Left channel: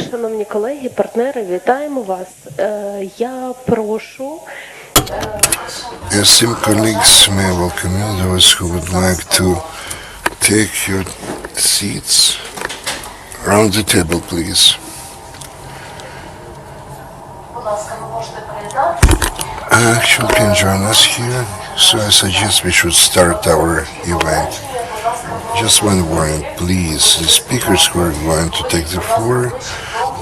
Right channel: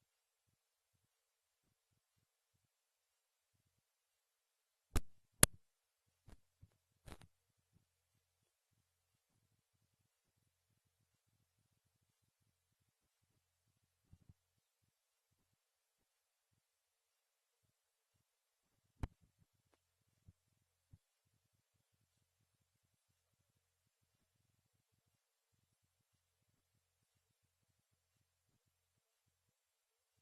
Шановні колеги, партнери, вітаємо вас. Я прошу... Esteemed colleagues, may I welcome you, those who would like to take your seats around the table, please. Actually, can join us here, so I suggest we should start our event. Just one warning, please. The speakers who are going to take the floor,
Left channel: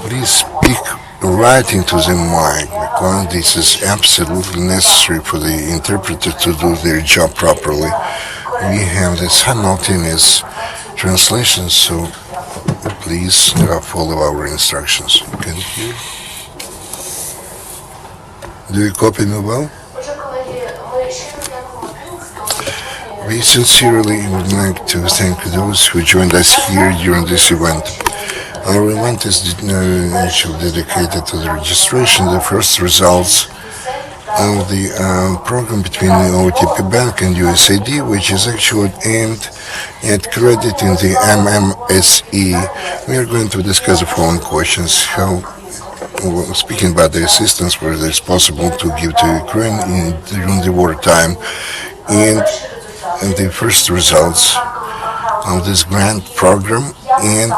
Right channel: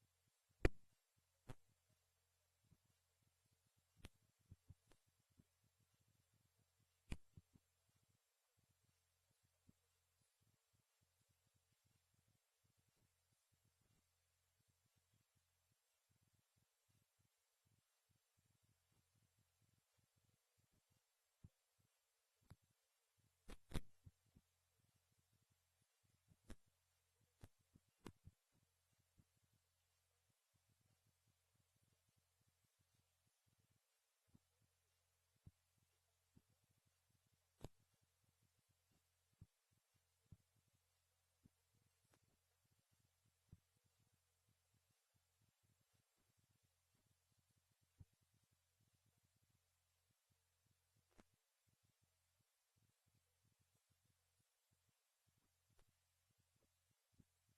please speak right into the mic, because this is absolutely necessary for the interpreter to do their job properly. We have the simultaneous translation, so please follow our instructions. Can you hear? Do you copy me well? We sincerely would like to thank those who joined us here during this event. Our event is dedicated to the registration, the first results of the program between the OTP Bank and USAID, which is actually aimed at crediting the MMSE. We are going to discuss the following questions. Speaking about the assistance where it is possible to give to Ukraine during the wartime, and the first results of this grant program, and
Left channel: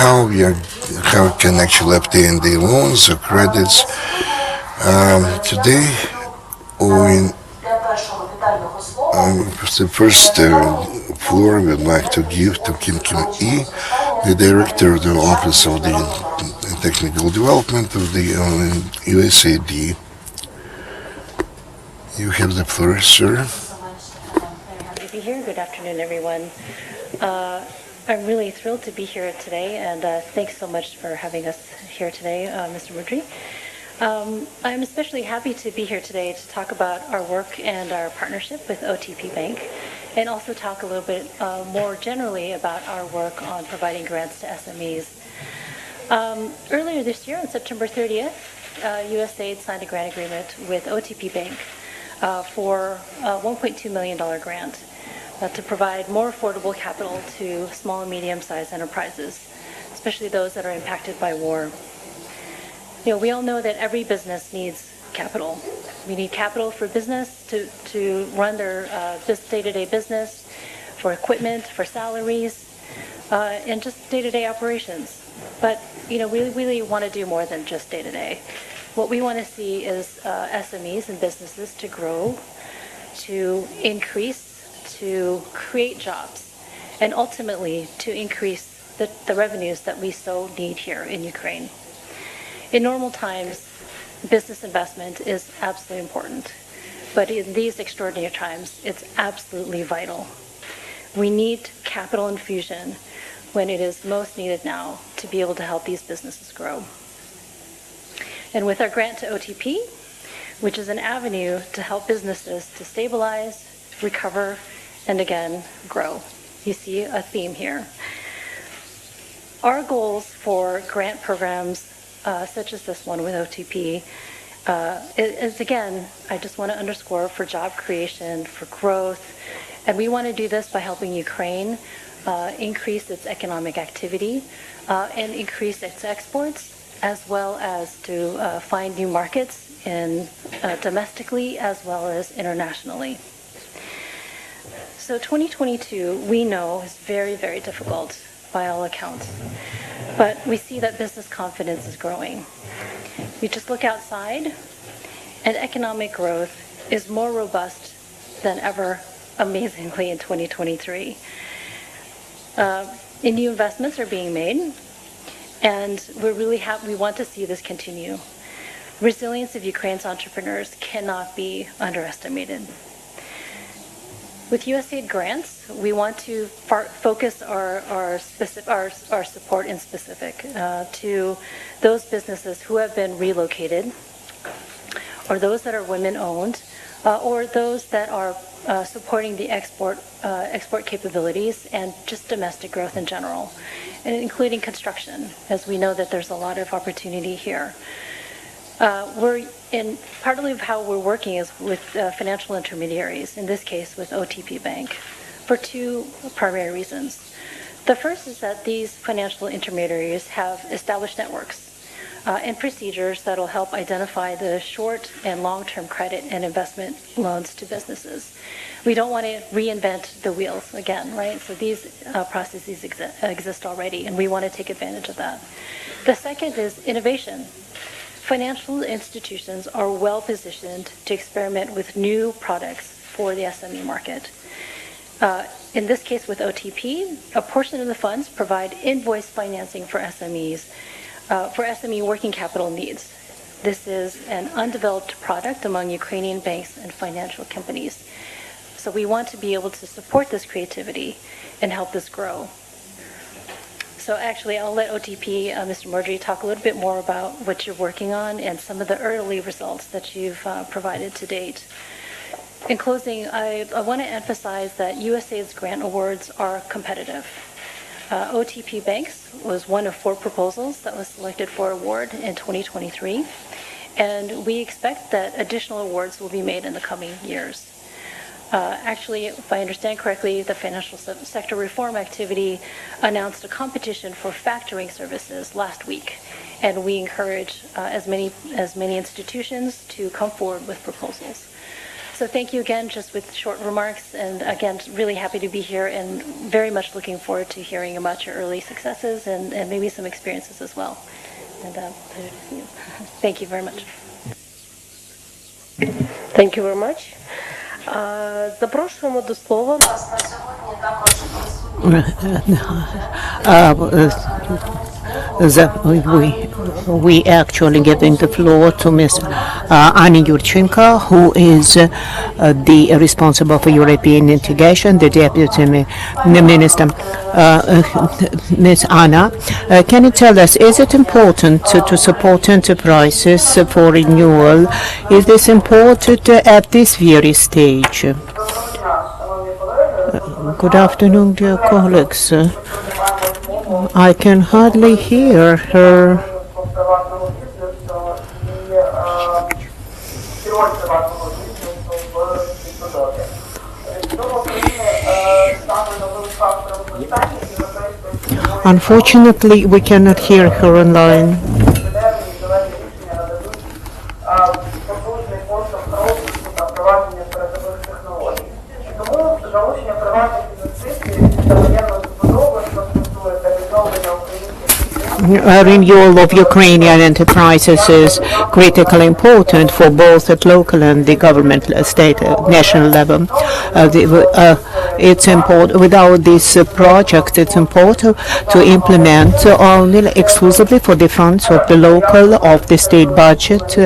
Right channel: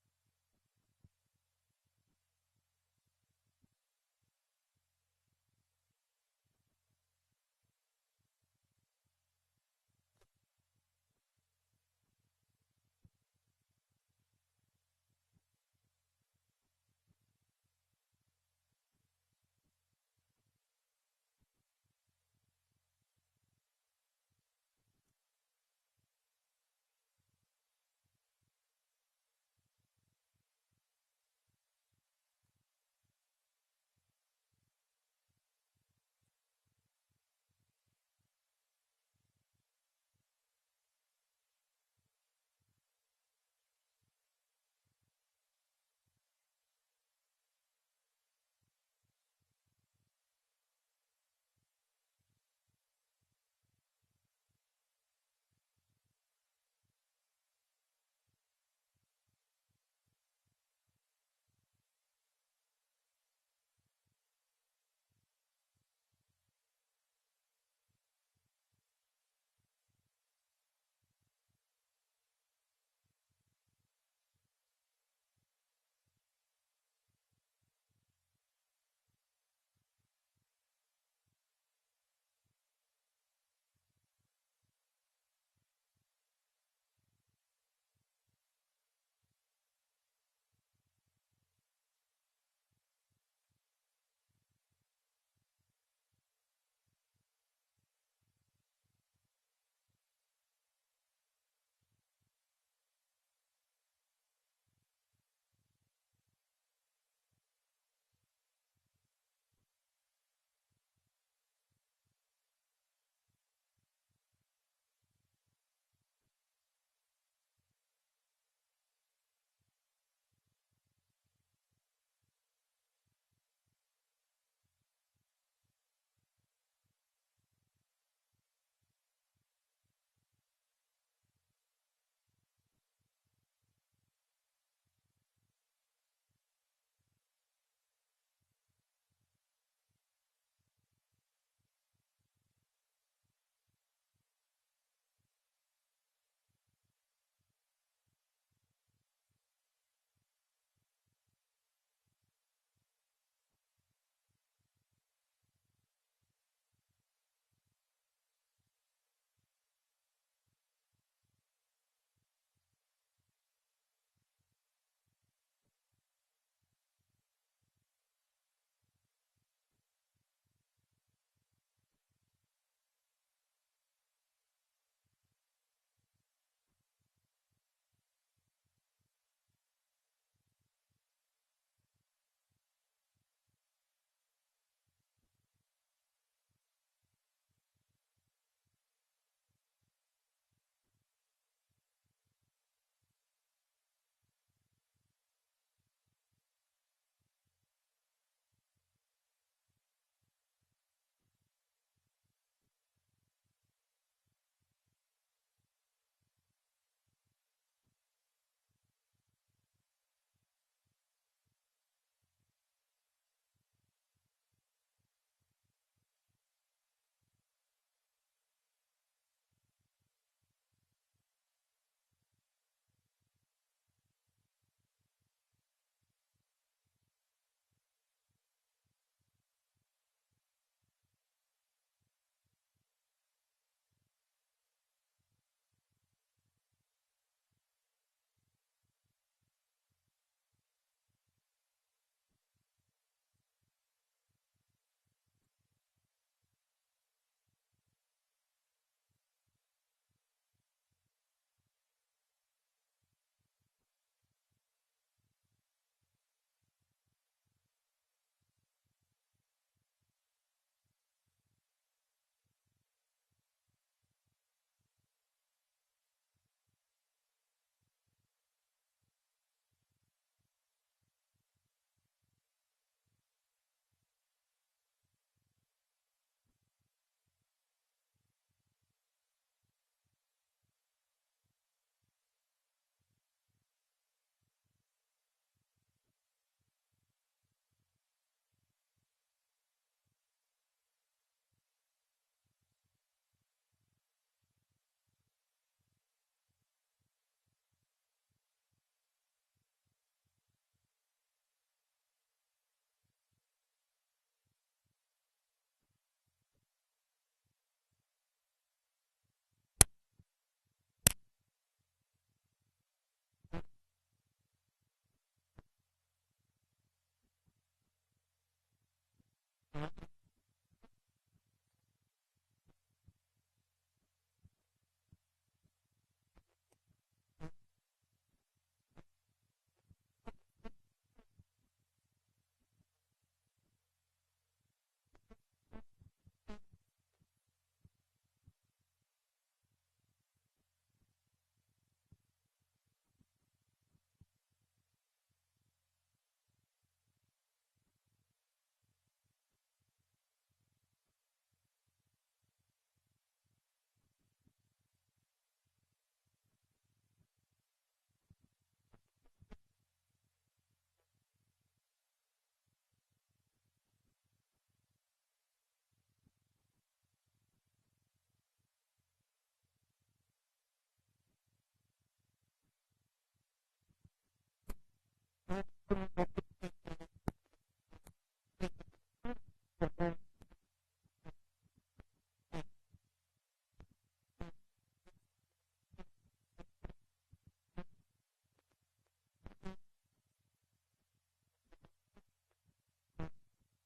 how we can actually obtain the loans or credits. Today, the first floor we would like to give to Kim Kim-E, the Director of the Office of the Technical Development of the USAID. You have the floor, sir. Good afternoon, everyone. I'm really thrilled to be here today, and thanks so much for having us here today, Mr. Mudryi. I'm especially happy to be here today to talk about our work and our partnership with OTP Bank, and also talk a little bit more generally about our work on providing grants to SMEs. Earlier this year, on September 30th, USAID signed a grant agreement with OTP Bank for a $1.2 million grant to provide more affordable capital to small and medium-sized enterprises, especially those that are impacted by war. We all know that every business needs capital. We need capital for business to run their day-to-day business, for equipment, for salaries, and just day-to-day operations. But we really want to do more than just day-to-day. What we want to see is SMEs and businesses to grow, to increase, to create jobs, and ultimately to increase the revenues that we so need here in Ukraine. In normal times, business investment is absolutely important, but in these extraordinary times, it's absolutely vital. We need capital infusion when it is most needed now to be able to help these businesses grow. And with our grant to OTP, which is an avenue to help businesses to stabilize, recover, and again, grow. You see a theme here. Our goals for grant programs such as this one with OTP is, again, I just want to underscore, for job creation, for growth, and we want to do this by helping Ukraine increase its economic activity and increase its exports, as well as to find new markets domestically as well as internationally. So 2022, we know, is very, very difficult by all accounts. But we see that business confidence is growing. We just look outside, and economic growth is more robust than ever, amazingly, in 2023. New investments are being made, and we want to see this continue. Resilience of Ukraine's entrepreneurs cannot be underestimated. With USAID grants, we want to focus our support in specific to those businesses who have been relocated, or those that are women-owned, or those that are supporting the export capabilities and just domestic growth in general, and including construction, as we know that there's a lot of opportunity here. Partly of how we're working is with financial intermediaries, in this case with OTP Bank, for two primary reasons. The first is that these financial intermediaries have established networks and procedures that will help identify the short and long-term credit and investment loans to businesses. We don't want to reinvent the wheels again, right? So these processes exist already, and we want to take advantage of that. The second is innovation. Financial institutions are well positioned to experiment with new products for the SME market. In this case with OTP, a portion of the funds provide invoice financing for SMEs, for SME working capital needs. This is an undeveloped product among Ukrainian banks and financial companies. So we want to be able to support this creativity and help this grow. So actually, I'll let OTP, Mr. Mudryi, talk a little bit more about what you're working on and some of the early results that you've provided to date. In closing, I want to emphasize that USAID's grant awards are competitive. OTP Banks was one of 4 proposals that was selected for award in 2023, and we expect that additional awards will be made in the coming years. Actually, if I understand correctly, the financial sector reform activity announced a competition for factoring services last week, and we encourage as many institutions to come forward with proposals. So thank you again, just with short remarks, and again, really happy to be here and very much looking forward to hearing about your early successes and maybe some experiences as well. And pleasure to see you. Thank you very much. Thank you very much. Запрошуємо до слова. We actually giving the floor to Ms. Anna Yurchenko, who is the responsible for European integration, the Deputy Minister. Ms. Anna, can you tell us, is it important to support enterprises for renewal? Is this important at this very stage? Good afternoon, dear colleagues. I can hardly hear her. Unfortunately, we cannot hear her online. Renewal of Ukrainian enterprises is critically important for both at local and the government, state, national level. It's important. Without this project, it's important to implement only exclusively for the funds of the local, of the state budget,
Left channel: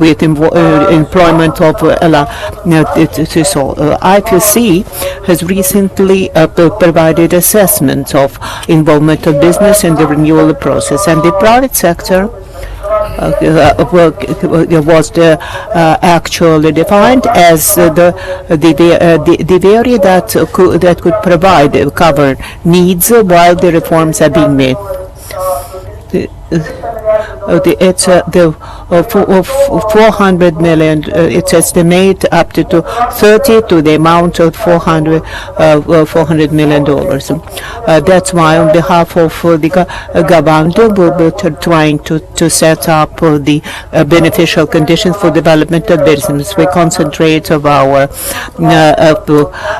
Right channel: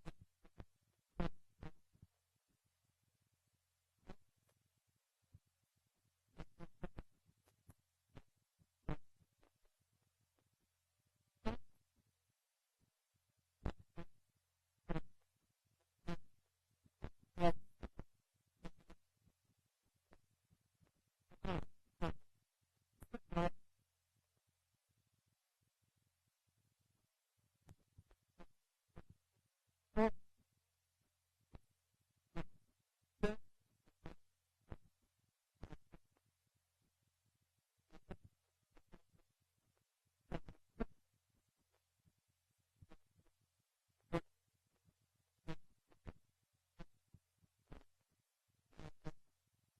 with employment of IPC has recently provided assessment of involvement of business in the renewal process, and the private sector was actually defined as the area that could provide cover needs while the reforms are being made. It's the 400 million. It's estimated up to 30 to the amount of $400 million. That's why, on behalf of the government, we'll be trying to set up the beneficial conditions for development of business. We concentrate of our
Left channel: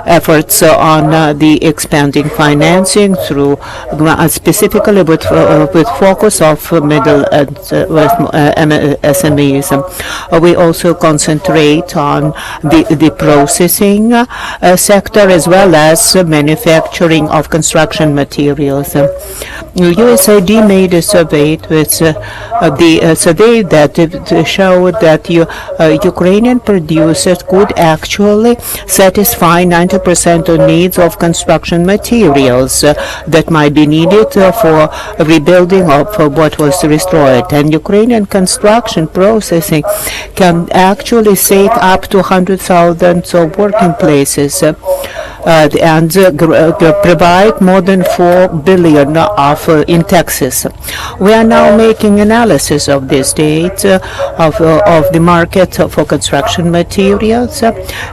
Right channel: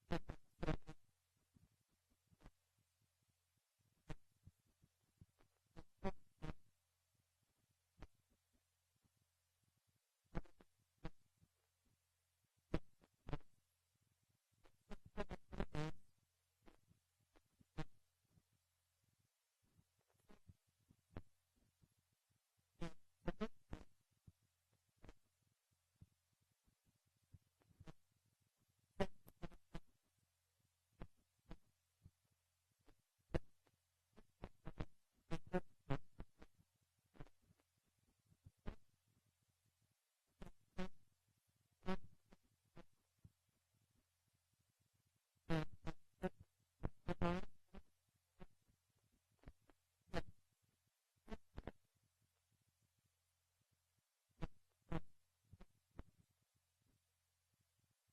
efforts on the expanding financing through specifically with focus of middle and SMEs. We also concentrate on the processing sector as well as manufacturing of construction materials. USAID made a survey with the survey that showed that Ukrainian producers could actually satisfy 90% of needs of construction materials that might be needed for rebuilding of what was destroyed. And Ukrainian construction processing can actually save up to 100,000 working places. and provide more than 4 billion in taxes. We are now making analysis of this data of the market for construction materials,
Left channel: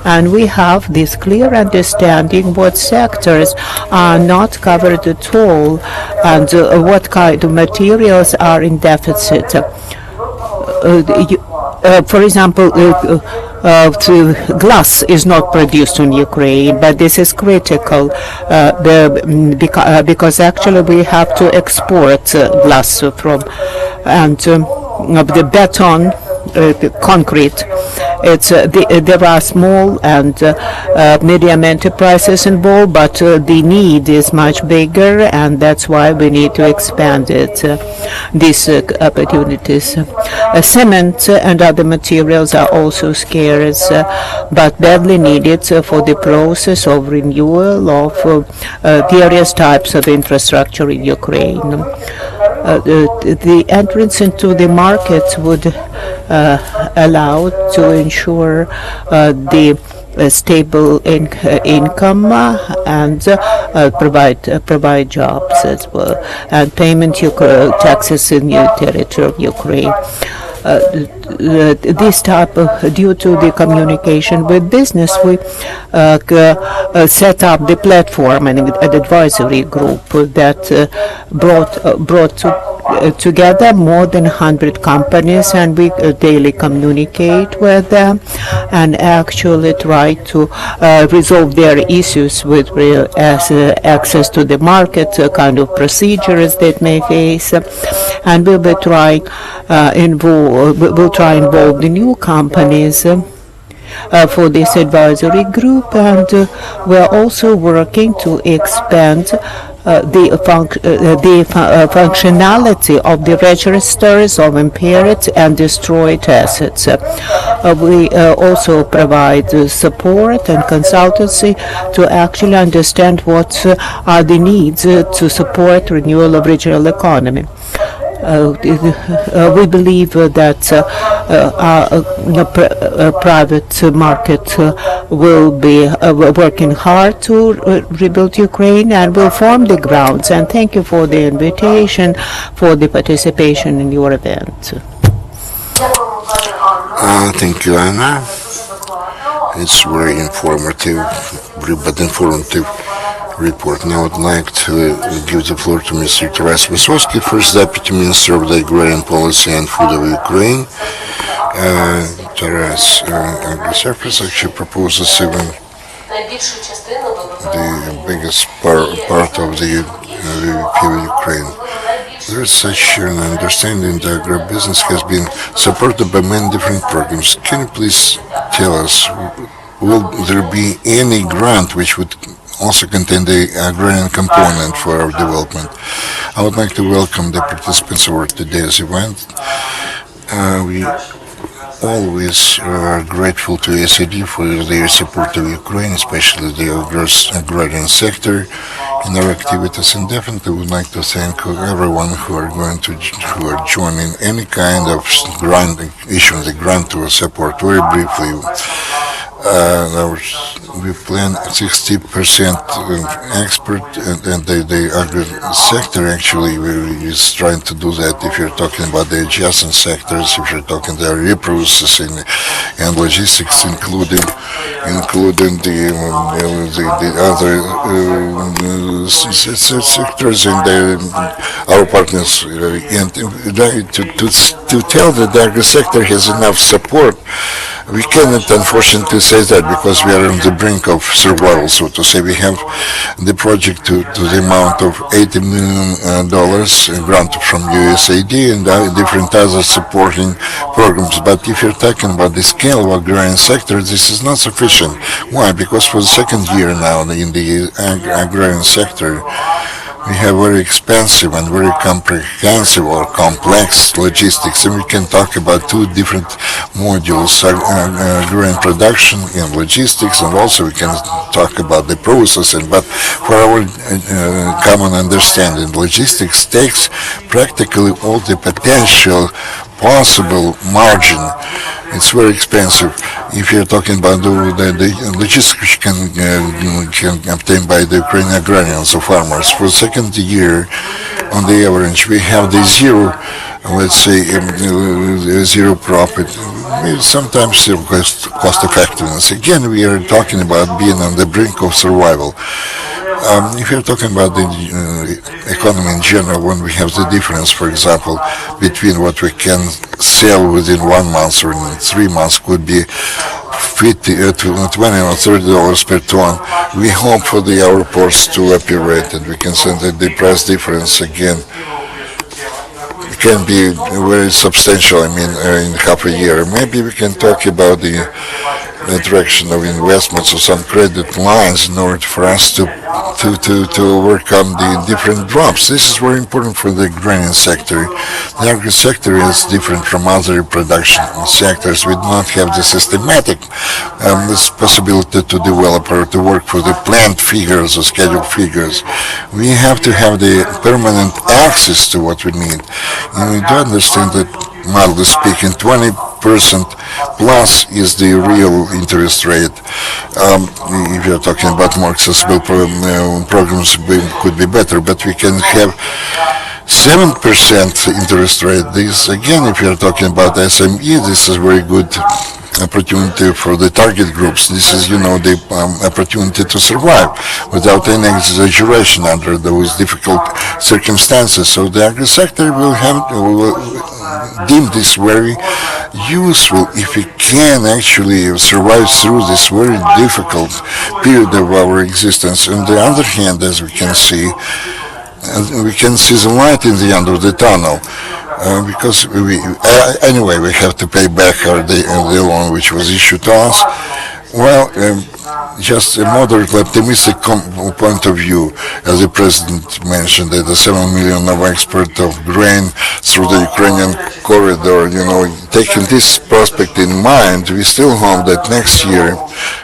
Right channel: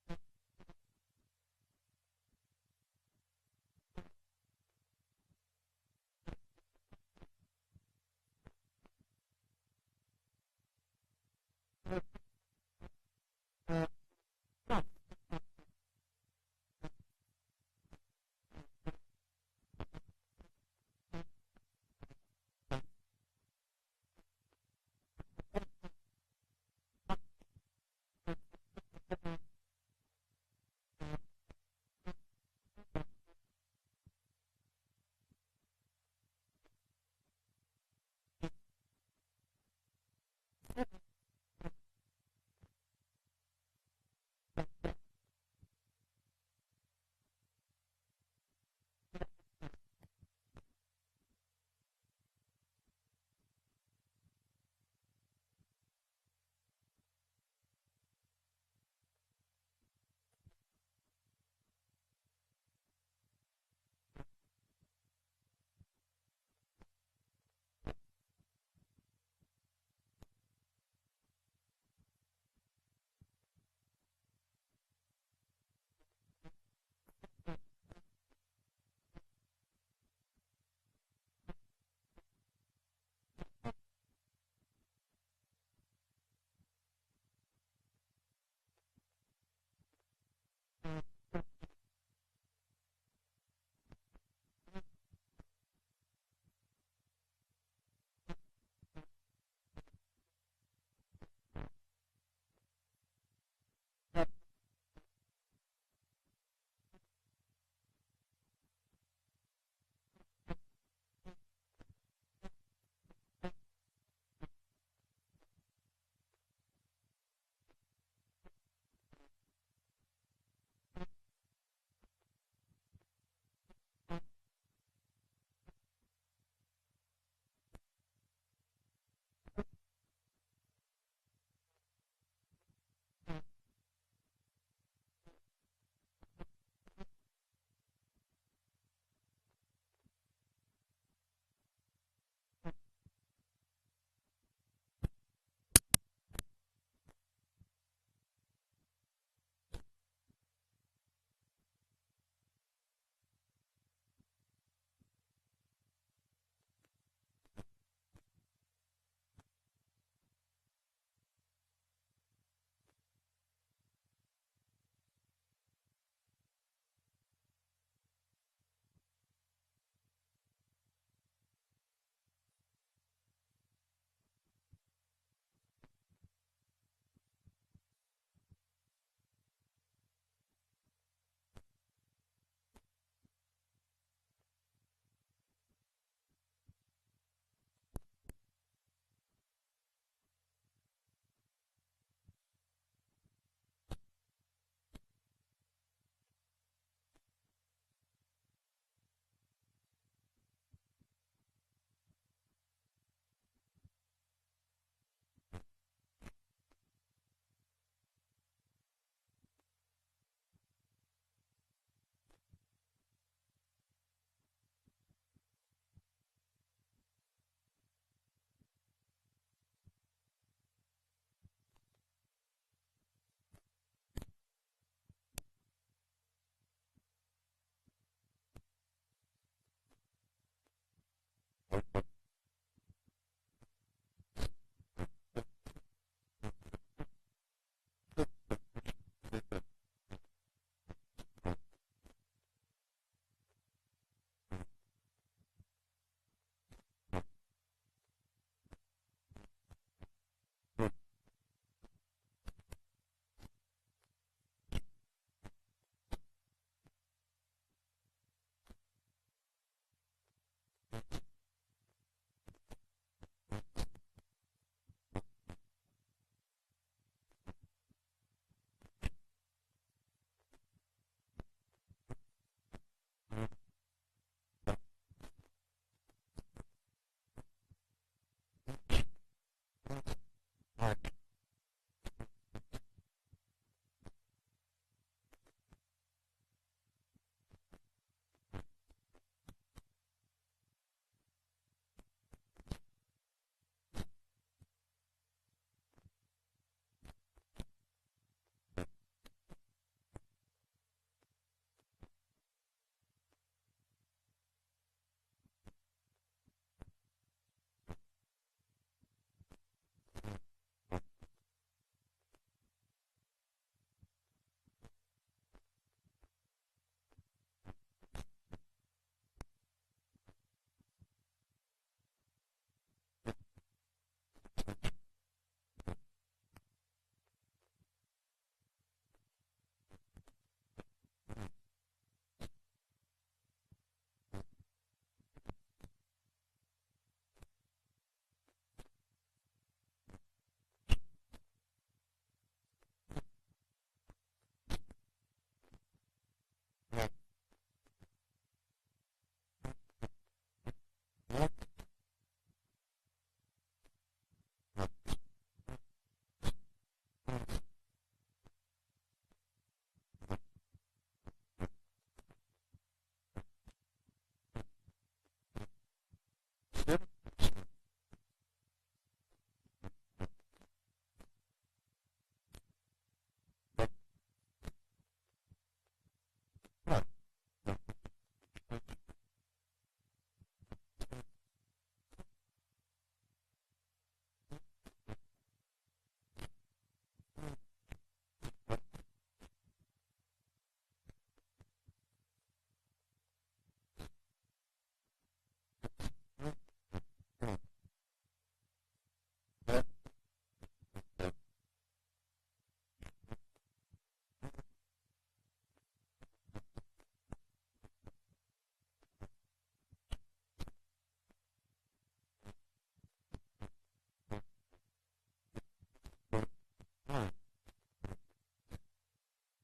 and we have this clear understanding what sectors are not covered at all and what kind of materials are in deficit. For example, glass is not produced in Ukraine, but this is critical because actually we have to export glass from, and the beton, the concrete. There are small and medium enterprises involved, but the need is much bigger, and that's why we need to expand it. These opportunities. Cement and other materials are also scarce, but badly needed for the process of renewal of various types of infrastructure in Ukraine. The entrance into the markets would allow to ensure the stable income and provide jobs as well, and payment taxes in the territory of Ukraine. This type of, due to the communication with business, we set up the platform and an advisory group that brought together more than 100 companies, and we daily communicate with them and actually try to resolve their issues with access to the market, kind of procedures that may face, and we'll try involve the new companies for this advisory group, and we're also working to expand the functionality of the registers of impaired and destroyed assets. We also provide support and consultancy to actually understand what are the needs to support renewal of regional economy. We believe that our private market will be working hard to rebuild Ukraine and will form the grounds. And thank you for the invitation, for the participation in your event. Thank you, Anna. It's very informative, but informative report. Now I'd like to give the floor to Mr. Taras Vysotskyi, First Deputy Minister of the Agrarian Policy and Food of Ukraine. Taras, Agri-Surface actually proposes even the biggest part of the Ukraine. There is such an understanding that agribusiness has been supported by many different programs. Can you please tell us, will there be any grant which would also contain the agrarian component for our development? I would like to welcome the participants of today's event. We always are grateful to USAID for their support of Ukraine, especially the agrarian sector in our activities, and definitely would like to thank everyone who are joining any kind of grant, issuing the grant to support. Very briefly, we plan 60% export, and the agri sector actually is trying to do that. If you're talking about the adjacent sectors, if you're talking the reprocessing and logistics, including the other sectors and our partners, and to tell that the agri sector has enough support. We cannot, unfortunately, say that because we are on the brink of survival, so to say. We have the project to the amount of $80 million granted from USAID and different other supporting programs. But if you're talking about the scale of agrarian sector, this is not sufficient. Why? Because for the second year now in the agrarian sector, we have very expensive and very comprehensive or complex logistics, and we can talk about two different modules, agrarian production and logistics, and also we can talk about the processing. But for our common understanding, logistics takes practically all the potential possible margin It's very expensive. If you're talking about the logistics which can obtain by the Ukrainian agrarians, the farmers, for the second year, on the average, we have the zero, let's say, zero profit. Sometimes still cost effectiveness. Again, we are talking about being on the brink of survival. If you're talking about the economy in general, when we have the difference, for example, between what we can sell within 1 month or in 3 months could be 50 to 20 or $30 per ton. We hope for our ports to operate, and we can send the price difference again can be very substantial. In half a year. Maybe we can talk about the direction of investments or some credit lines in order for us to overcome the different drops. This is very important for the agrarian sector. The agri sector is different from other production sectors. We do not have the systematic this possibility to develop or to work for the planned figures or scheduled figures. We have to have the permanent access to what we need. And we do understand that, mildly speaking, 20% plus is the real interest rate. If you're talking about more accessible programs, could be better, but we can have 7% interest rate. This, again, if you're talking about SME, this is very good opportunity for the target groups. This is, the opportunity to survive without any exaggeration under those difficult circumstances. So the agri sector will deem this very useful if we can actually survive through this very difficult period of our existence. On the other hand, as we can see the light in the end of the tunnel. Because anyway, we have to pay back the loan which was issued to us. Well, just a moderately optimistic point of view, as the President mentioned, that the 7 million of export of grain through the Ukrainian corridor, taking this prospect in mind, we still hope that next year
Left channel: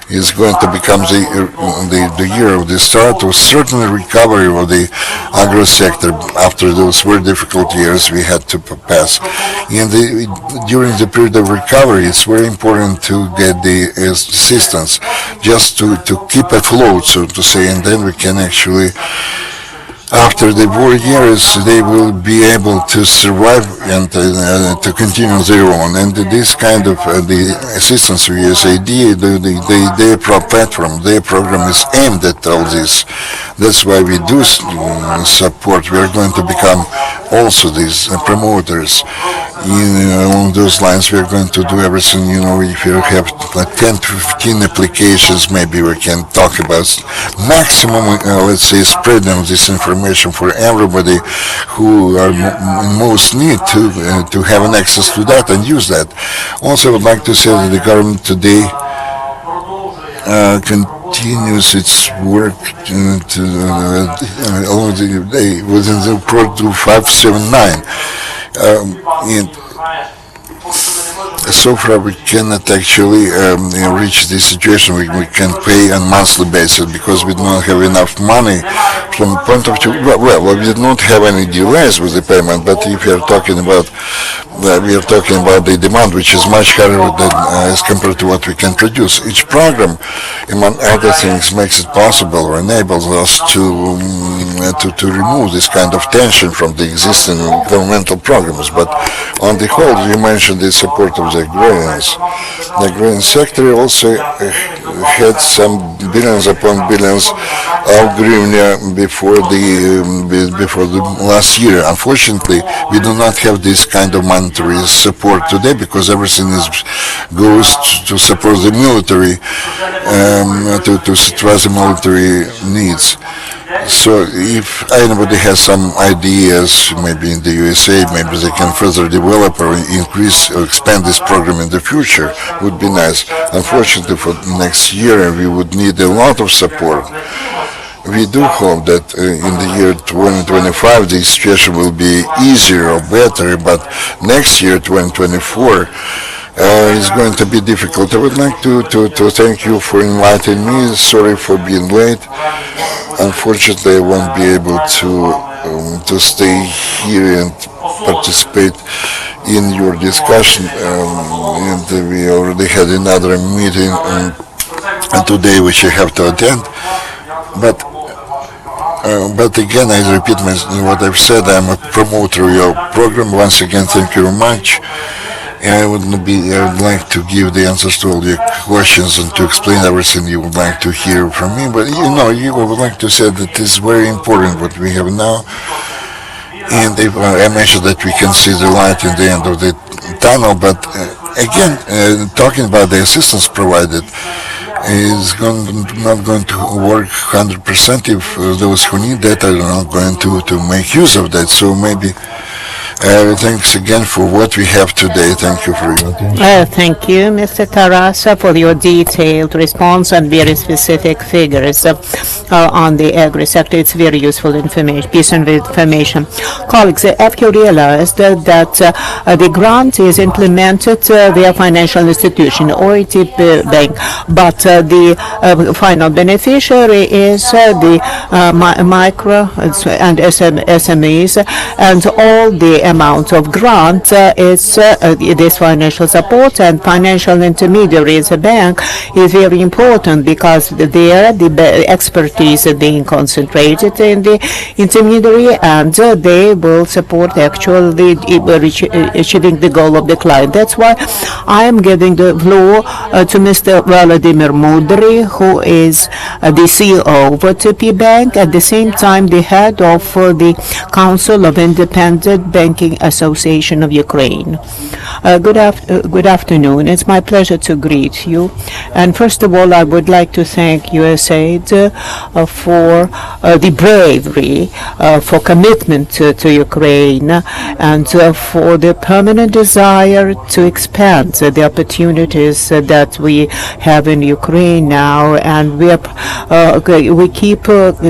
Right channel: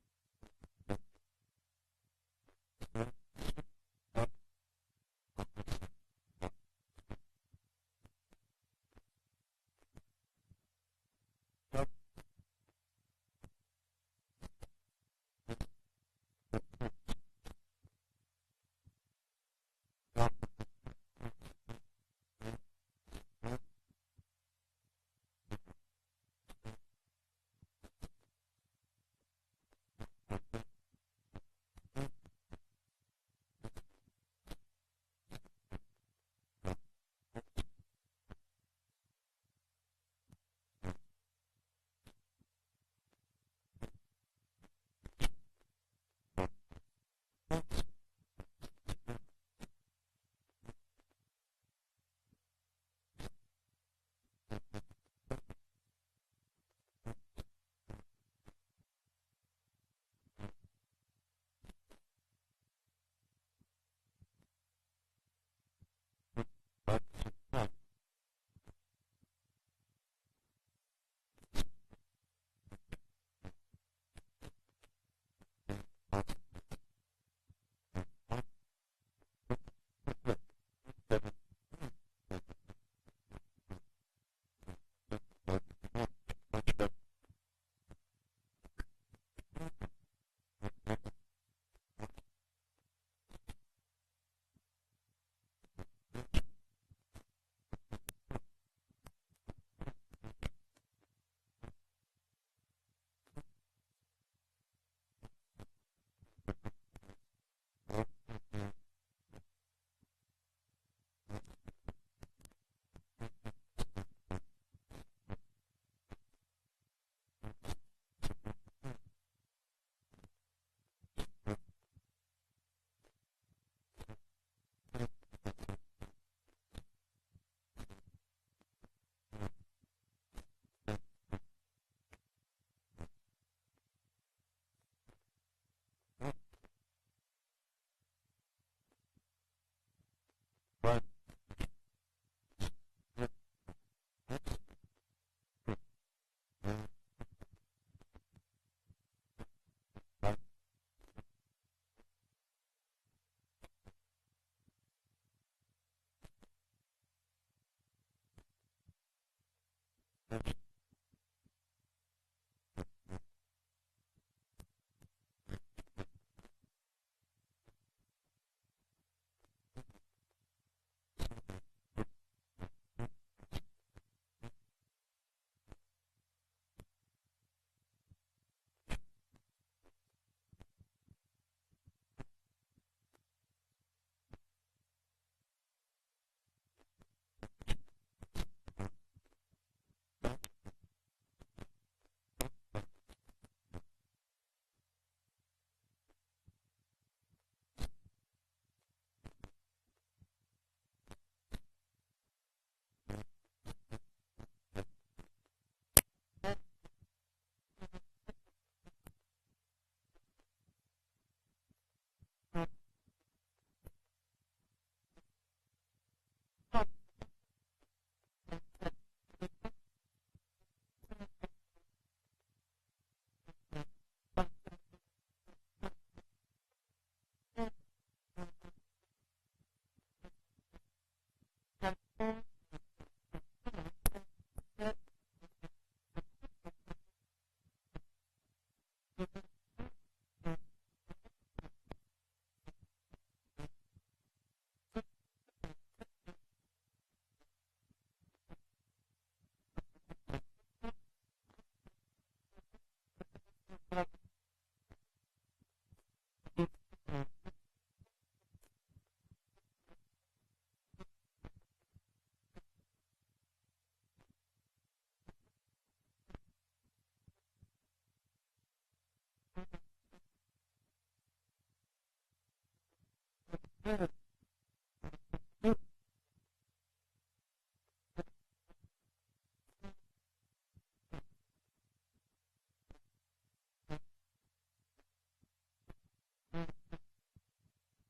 is going to become the year of the start of certain recovery of the agro sector after those very difficult years we had to pass. And during the period of recovery, it's very important to get the assistance just to keep afloat, so to say, and then we can actually, after the war years, they will be able to survive and to continue their own. And this kind of the assistance of USAID, their platform, their program is aimed at all this. That's why we do support. We are going to become also these promoters. Along those lines, we are going to do everything. If you have like 10 to 15 applications, maybe we can talk about maximum, let's say, spreading this information for everybody who are in most need to have an access to that and use that. Also, I would like to say that the government today continues its work along the day within the Pro 579. And so far we cannot actually reach this situation. We can pay on monthly basis because we do not have enough money from the point of view. Well, we did not have any delays with the payment, but if we are talking about the demand, which is much higher than as compared to what we can produce. Each program, among other things, makes it possible or enables us to remove this kind of tension from the existing governmental programs. But on the whole, you mentioned the support of the agrarians. The agrarian sector also had some billions upon billions of hryvnia before the last year. Unfortunately, we do not have this kind of monetary support today because everything goes to support the military, to satisfy the military needs. So if anybody has some ideas, maybe in the USA, maybe they can further develop or increase or expand this program in the future, would be nice. Unfortunately, for next year, we would need a lot of support. We do hope that in the year 2025, the situation will be easier or better, but next year, 2024, is going to be difficult. I would like to thank you for inviting me. Sorry for being late. Unfortunately, I won't be able to stay here and participate in your discussion, and we already had another meeting today which I have to attend. But again, I repeat what I've said. I'm a promoter of your program. Once again, thank you very much. And I would like to give the answers to all your questions and to explain everything you would like to hear from me. But you would like to say that it's very important what we have now. And if, I mentioned that we can see the light in the end of the tunnel. But again, talking about the assistance provided, is not going to work 100% if those who need that are not going to make use of that. So maybe thanks again for what we have today. Thank you for your attention. Thank you, Mr. Tarasa, for your detailed response and very specific figures on the agri sector. It's very useful information, piece of information. Colleagues, have you realized that the grant is implemented via financial institution, OTP Bank, but the final beneficiary is the micro and SMEs, and all the amount of grant is this financial support, and financial intermediaries, a bank, is very important because there the expertise is being concentrated in the intermediary, and they will support actually achieving the goal of the client. That's why I am giving the floor to Mr. Volodymyr Mudryi, who is the CEO of OTP Bank, at the same time the head of the Council of Independent Banking Association of Ukraine. Good afternoon. It's my pleasure to greet you. And first of all, I would like to thank USAID for the bravery, for commitment to Ukraine, and for the permanent desire to expand the opportunities that we have in Ukraine now. And we keep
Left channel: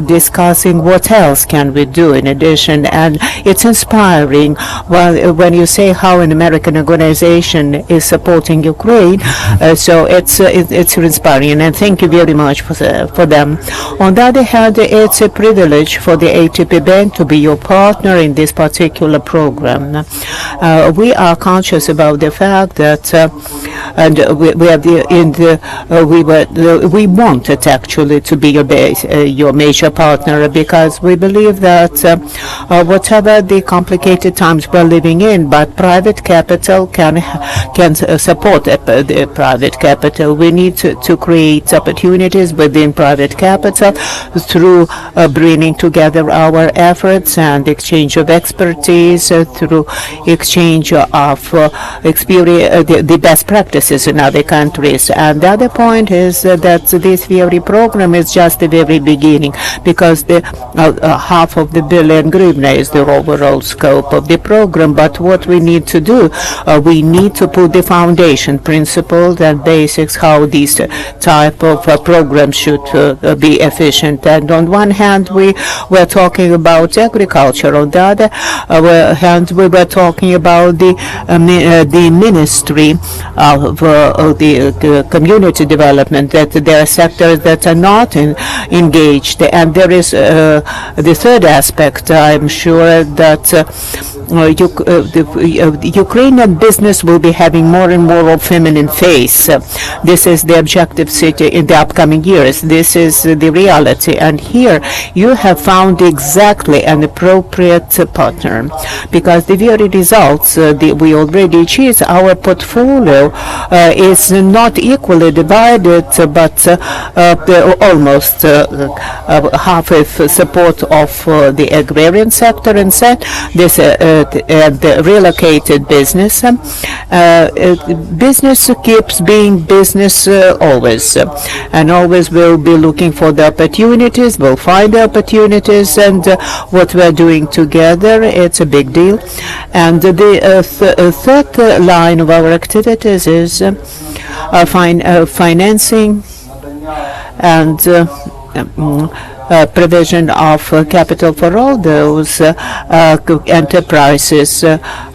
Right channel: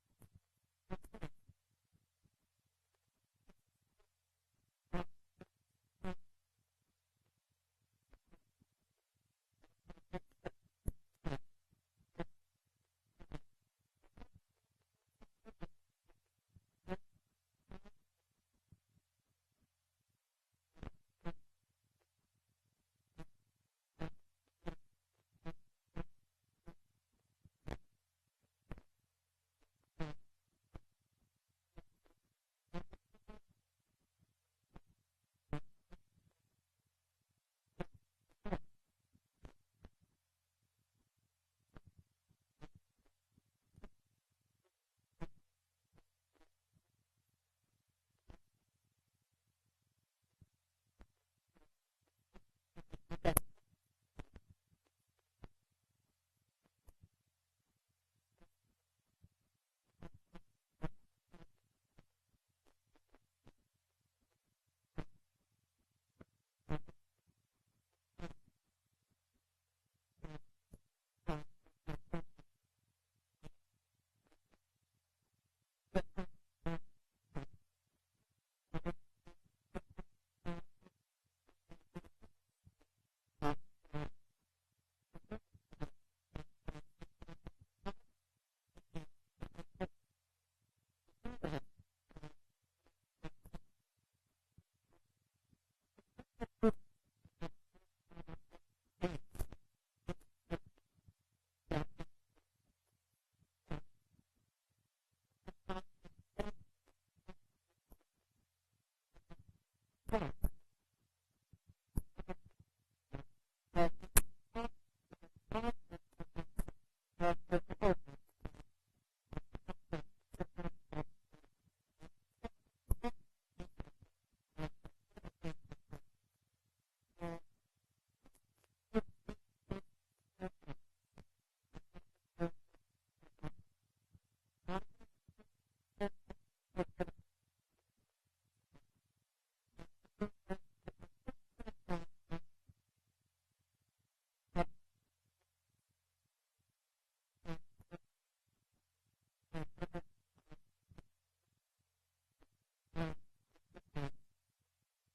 discussing what else can we do in addition. And it's inspiring when you say how an American organization is supporting Ukraine. So it's inspiring, and thank you very much for them. On the other hand, it's a privilege for the OTP Bank to be your partner in this particular program. We are conscious about the fact that, and we wanted actually to be your major partner, because we believe that whatever the complicated times we're living in, but private capital can support the private capital. We need to create opportunities within private capital through bringing together our efforts and exchange of expertise, through exchange of experience, the best practices in other countries. And the other point is that this very program is just the very beginning, because the half of the billion hryvnia is the overall scope of the program. But what we need to do, we need to put the foundation principles and basics how these type of programs should be efficient. And on one hand, we were talking about agriculture. On the other hand, we were talking about the Ministry of the Community Development, that there are sectors that are not engaged. And there is the third aspect. I'm sure that the Ukrainian business will be having more and more of feminine face. This is the objective city in the upcoming years. This is the reality. And here you have found exactly an appropriate partner, because the very results we already achieved, our portfolio is not equally divided, but almost half of support of the agrarian sector, and this the relocated business. Business keeps being business always, and always will be looking for the opportunities, will find the opportunities, and what we're doing together, it's a big deal. And the third line of our activities is financing and provision of capital for all those enterprises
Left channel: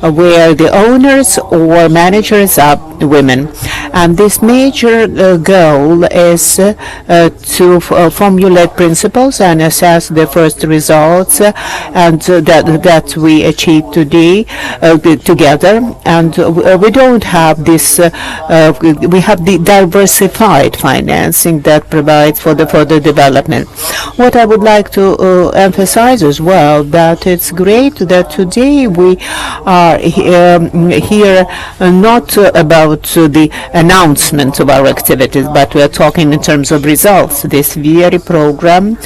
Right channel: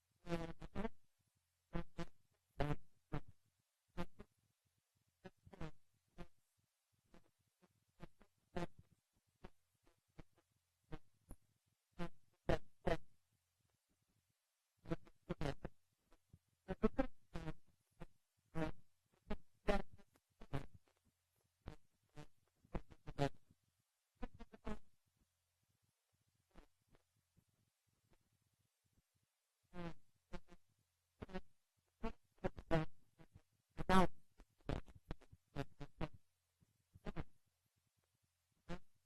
where the owners or managers are women. And this major goal is to formulate principles and assess the first results and that we achieved today together. And we don't have this, we have the diversified financing that provides for the further development. What I would like to emphasize as well, that it's great that today we are here not about the announcement of our activities, but we are talking in terms of results. This very program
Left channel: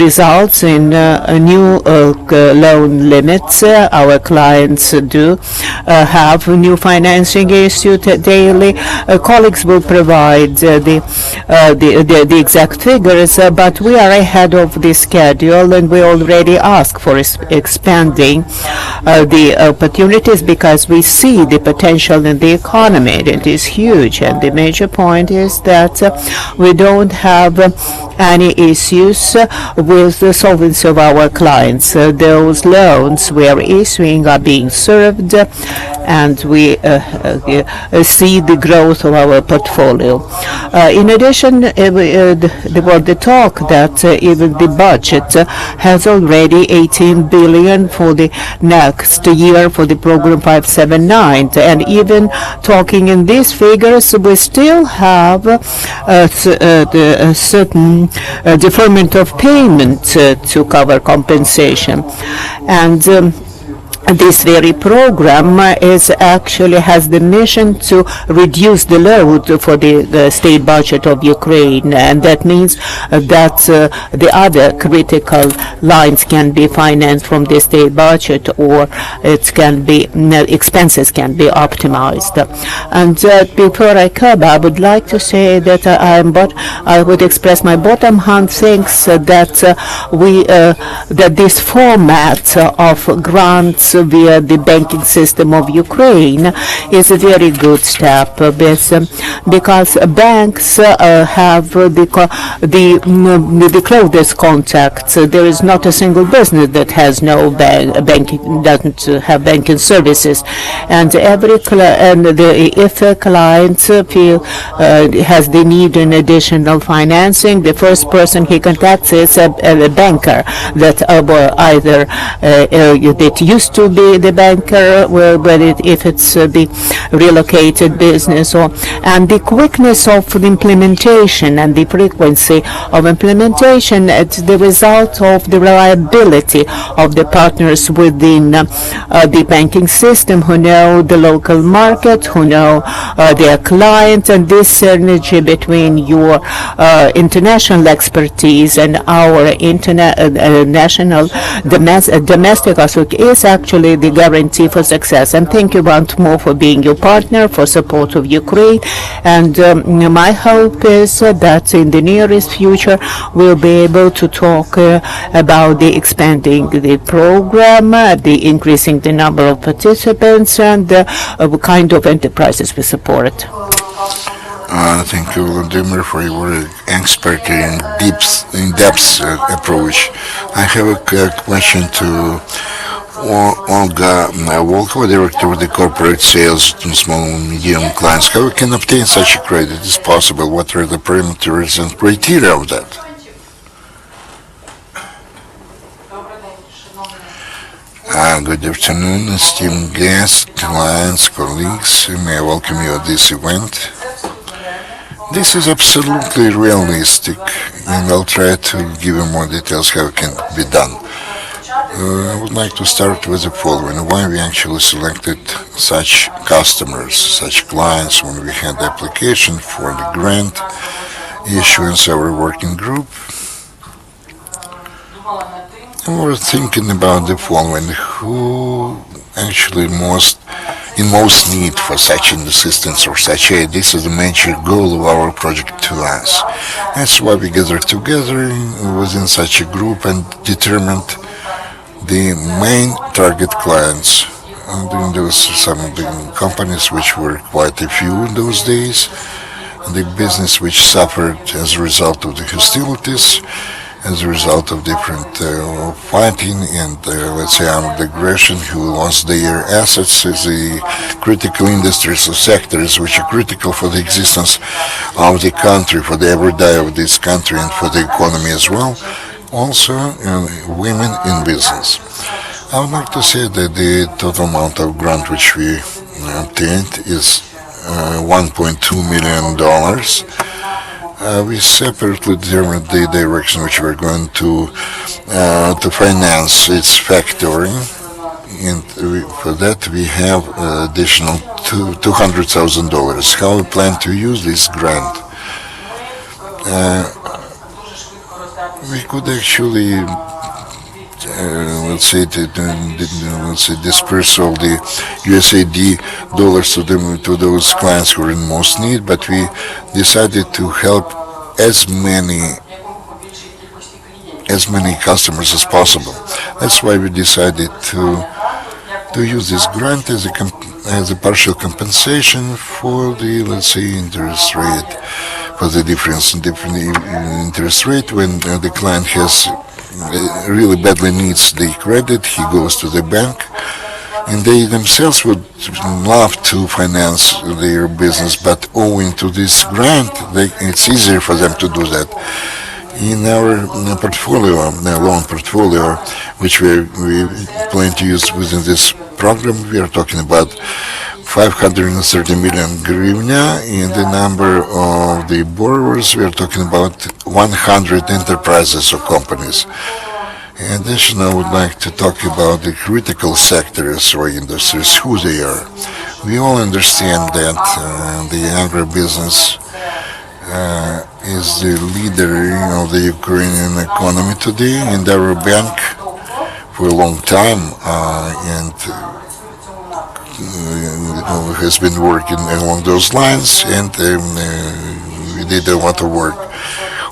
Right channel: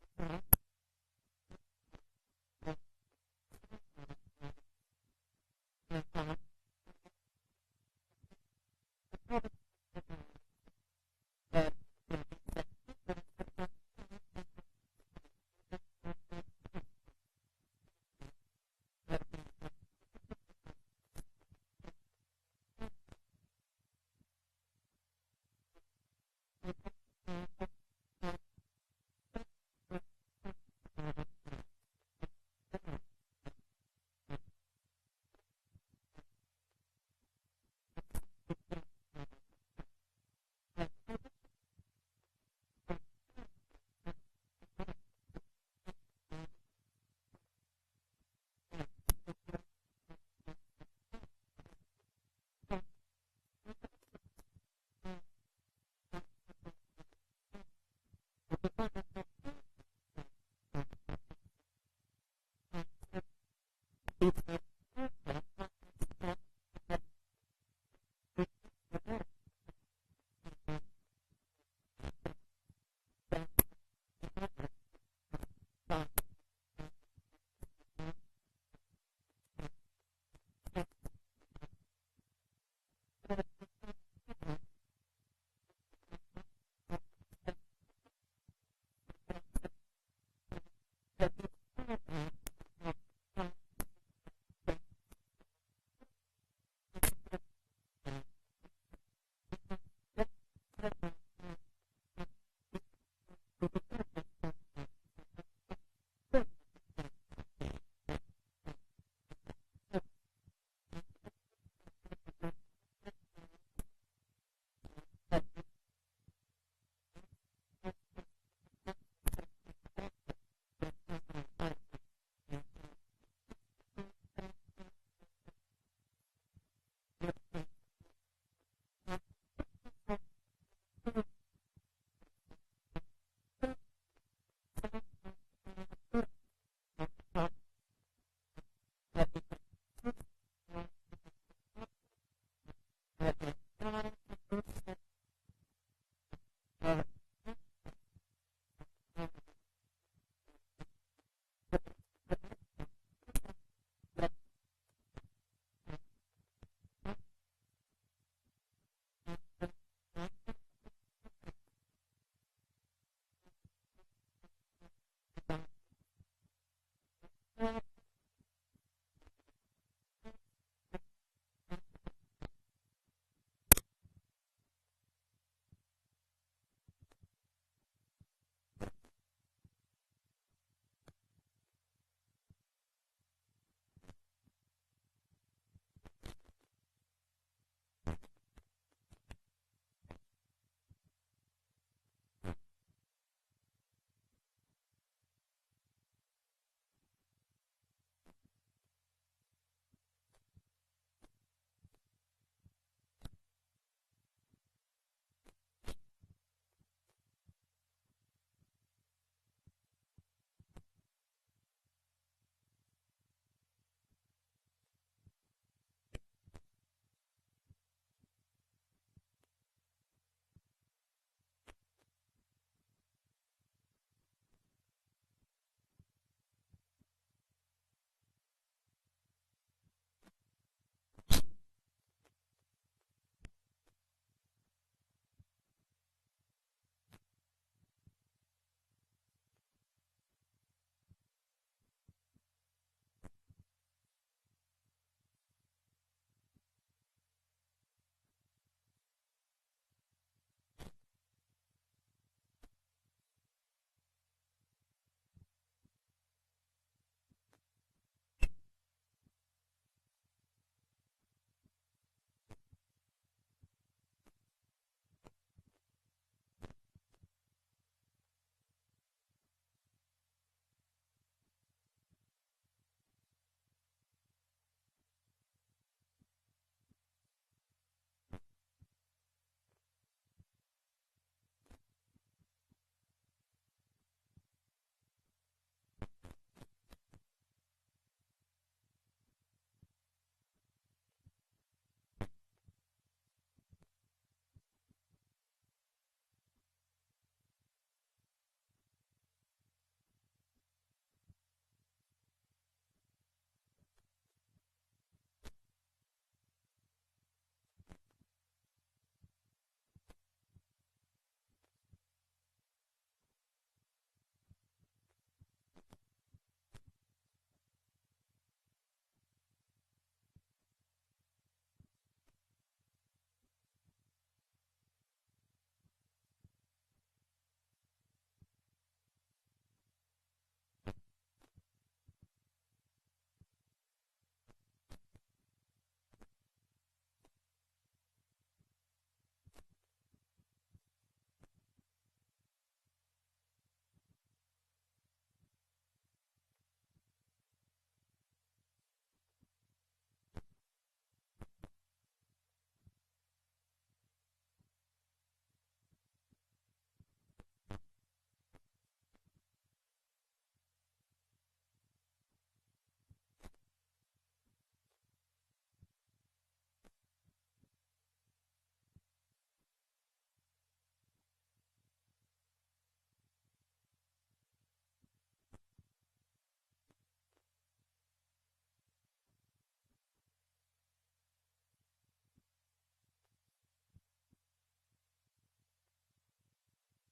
results in new loan limits. Our clients do have new financing issued daily. Colleagues will provide the exact figures, but we are ahead of the schedule, and we already ask for expanding the opportunities because we see the potential in the economy. It is huge, and the major point is that we don't have any issues with the solvency of our clients. Those loans we are issuing are being served, and we see the growth of our portfolio. In addition, there was the talk that even the budget has already 18 billion for the next year for the program 579, and even talking in these figures, we still have a certain deferment of payment to cover compensation. And this very program actually has the mission to reduce the load for the state budget of Ukraine, and that means that the other critical lines can be financed from the state budget, or it can be expenses can be optimized. And before I come, I would like to say that I would express my bottom hand thanks that that this format of grants via the banking system of Ukraine is a very good step, because banks have the closest contacts. There is not a single business that has no banking, doesn't have banking services, and if a client has the need in additional financing, the first person he contacts is a banker that either that used to be the banker, if it's the relocated business, and the quickness of the implementation and the frequency of implementation. It's the result of the reliability of the partners within the banking system, who know the local market, who know their client, and this synergy between your international expertise and our national domestic is actually the guarantee for success. And thank you once more for being your partner, for support of Ukraine. And my hope is that in the nearest future we'll be able to talk about the expanding the program, the increasing the number of participants, and what kind of enterprises we support. Thank you, Volodymyr, for your expert and in-depth approach. I have a question to Olga Volkova, Director of the Corporate Sales to Small and Medium Clients. How we can obtain such a credit? Is possible? What are the parameters and criteria of that? Good afternoon, esteemed guests, clients, colleagues. May I welcome you at this event. This is absolutely realistic, and I'll try to give you more details how it can be done. I would like to start with the following: why we actually selected such customers, such clients, when we had the application for the grant issuance, our working group. And we were thinking about the following: who actually in most need for such an assistance or such aid. This is the major goal of our project to us. That's why we gathered together within such a group and determined the main target clients. And there was some of the companies which were quite a few in those days, the business which suffered as a result of the hostilities, as a result of different fighting and, let's say, armed aggression, who lost their assets as the critical industries or sectors which are critical for the existence of the country, for the everyday of this country and for the economy as well. Also, women in business. I would like to say that the total amount of grant which we obtained is $1.2 million. We separately determined the direction which we're going to finance its factoring, and for that we have additional $200,000. How we plan to use this grant? We could actually, let's say, disperse all the USAID dollars to those clients who are in most need, but we decided to help as many customers as possible. That's why we decided to use this grant as a partial compensation for the, let's say, interest rate, for the difference in different interest rate. When the client has really badly needs the credit, he goes to the bank, and they themselves would love to finance their business, but owing to this grant, it's easier for them to do that. In our portfolio, loan portfolio, which we plan to use within this program, we are talking about 530 million hryvnia. In the number of the borrowers, we are talking about 100 enterprises or companies. In addition, I would like to talk about the critical sectors or industries, who they are. We all understand that the agribusiness is the leader of the Ukrainian economy today, and our bank for a long time and has been working along those lines, and we did a lot of work.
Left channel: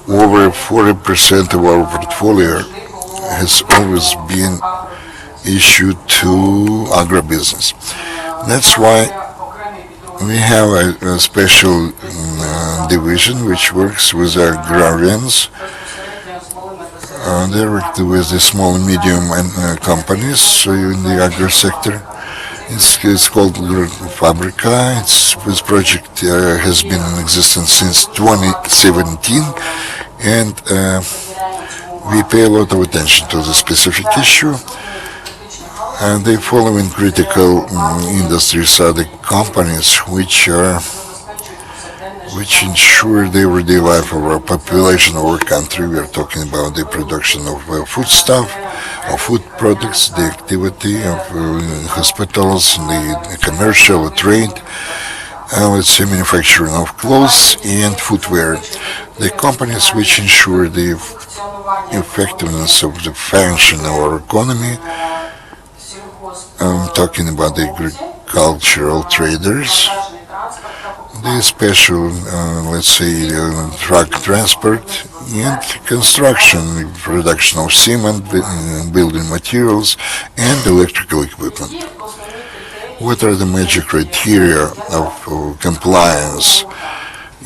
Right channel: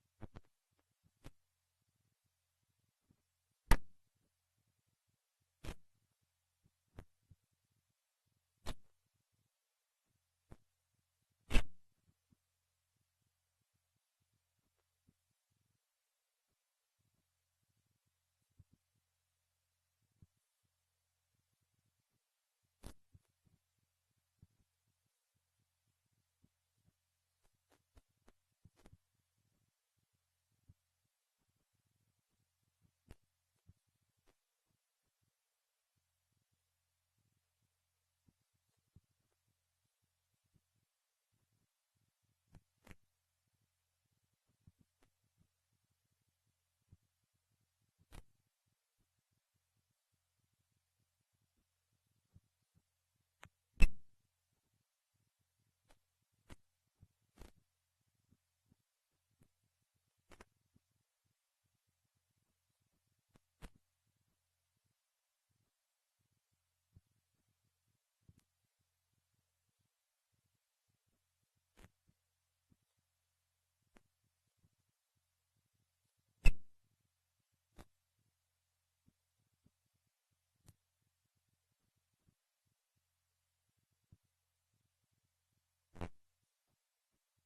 Over 40% of our portfolio has always been issued to agribusiness. That's why we have a special division which works with agrarians, directly with the small and medium companies in the agri sector. It's called Fabrika. This project has been in existence since 2017, and we pay a lot of attention to the specific issue. And the following critical industries are the companies which ensure the everyday life of our population, of our country. We are talking about the production of foodstuff, of food products, the activity of hospitals, the commercial trade, let's say manufacturing of clothes and footwear. The companies which ensure the effectiveness of the function of our economy. I'm talking about the agricultural traders, the special, let's say, truck transport and construction, production of cement, building materials, and electrical equipment. What are the major criteria of compliance?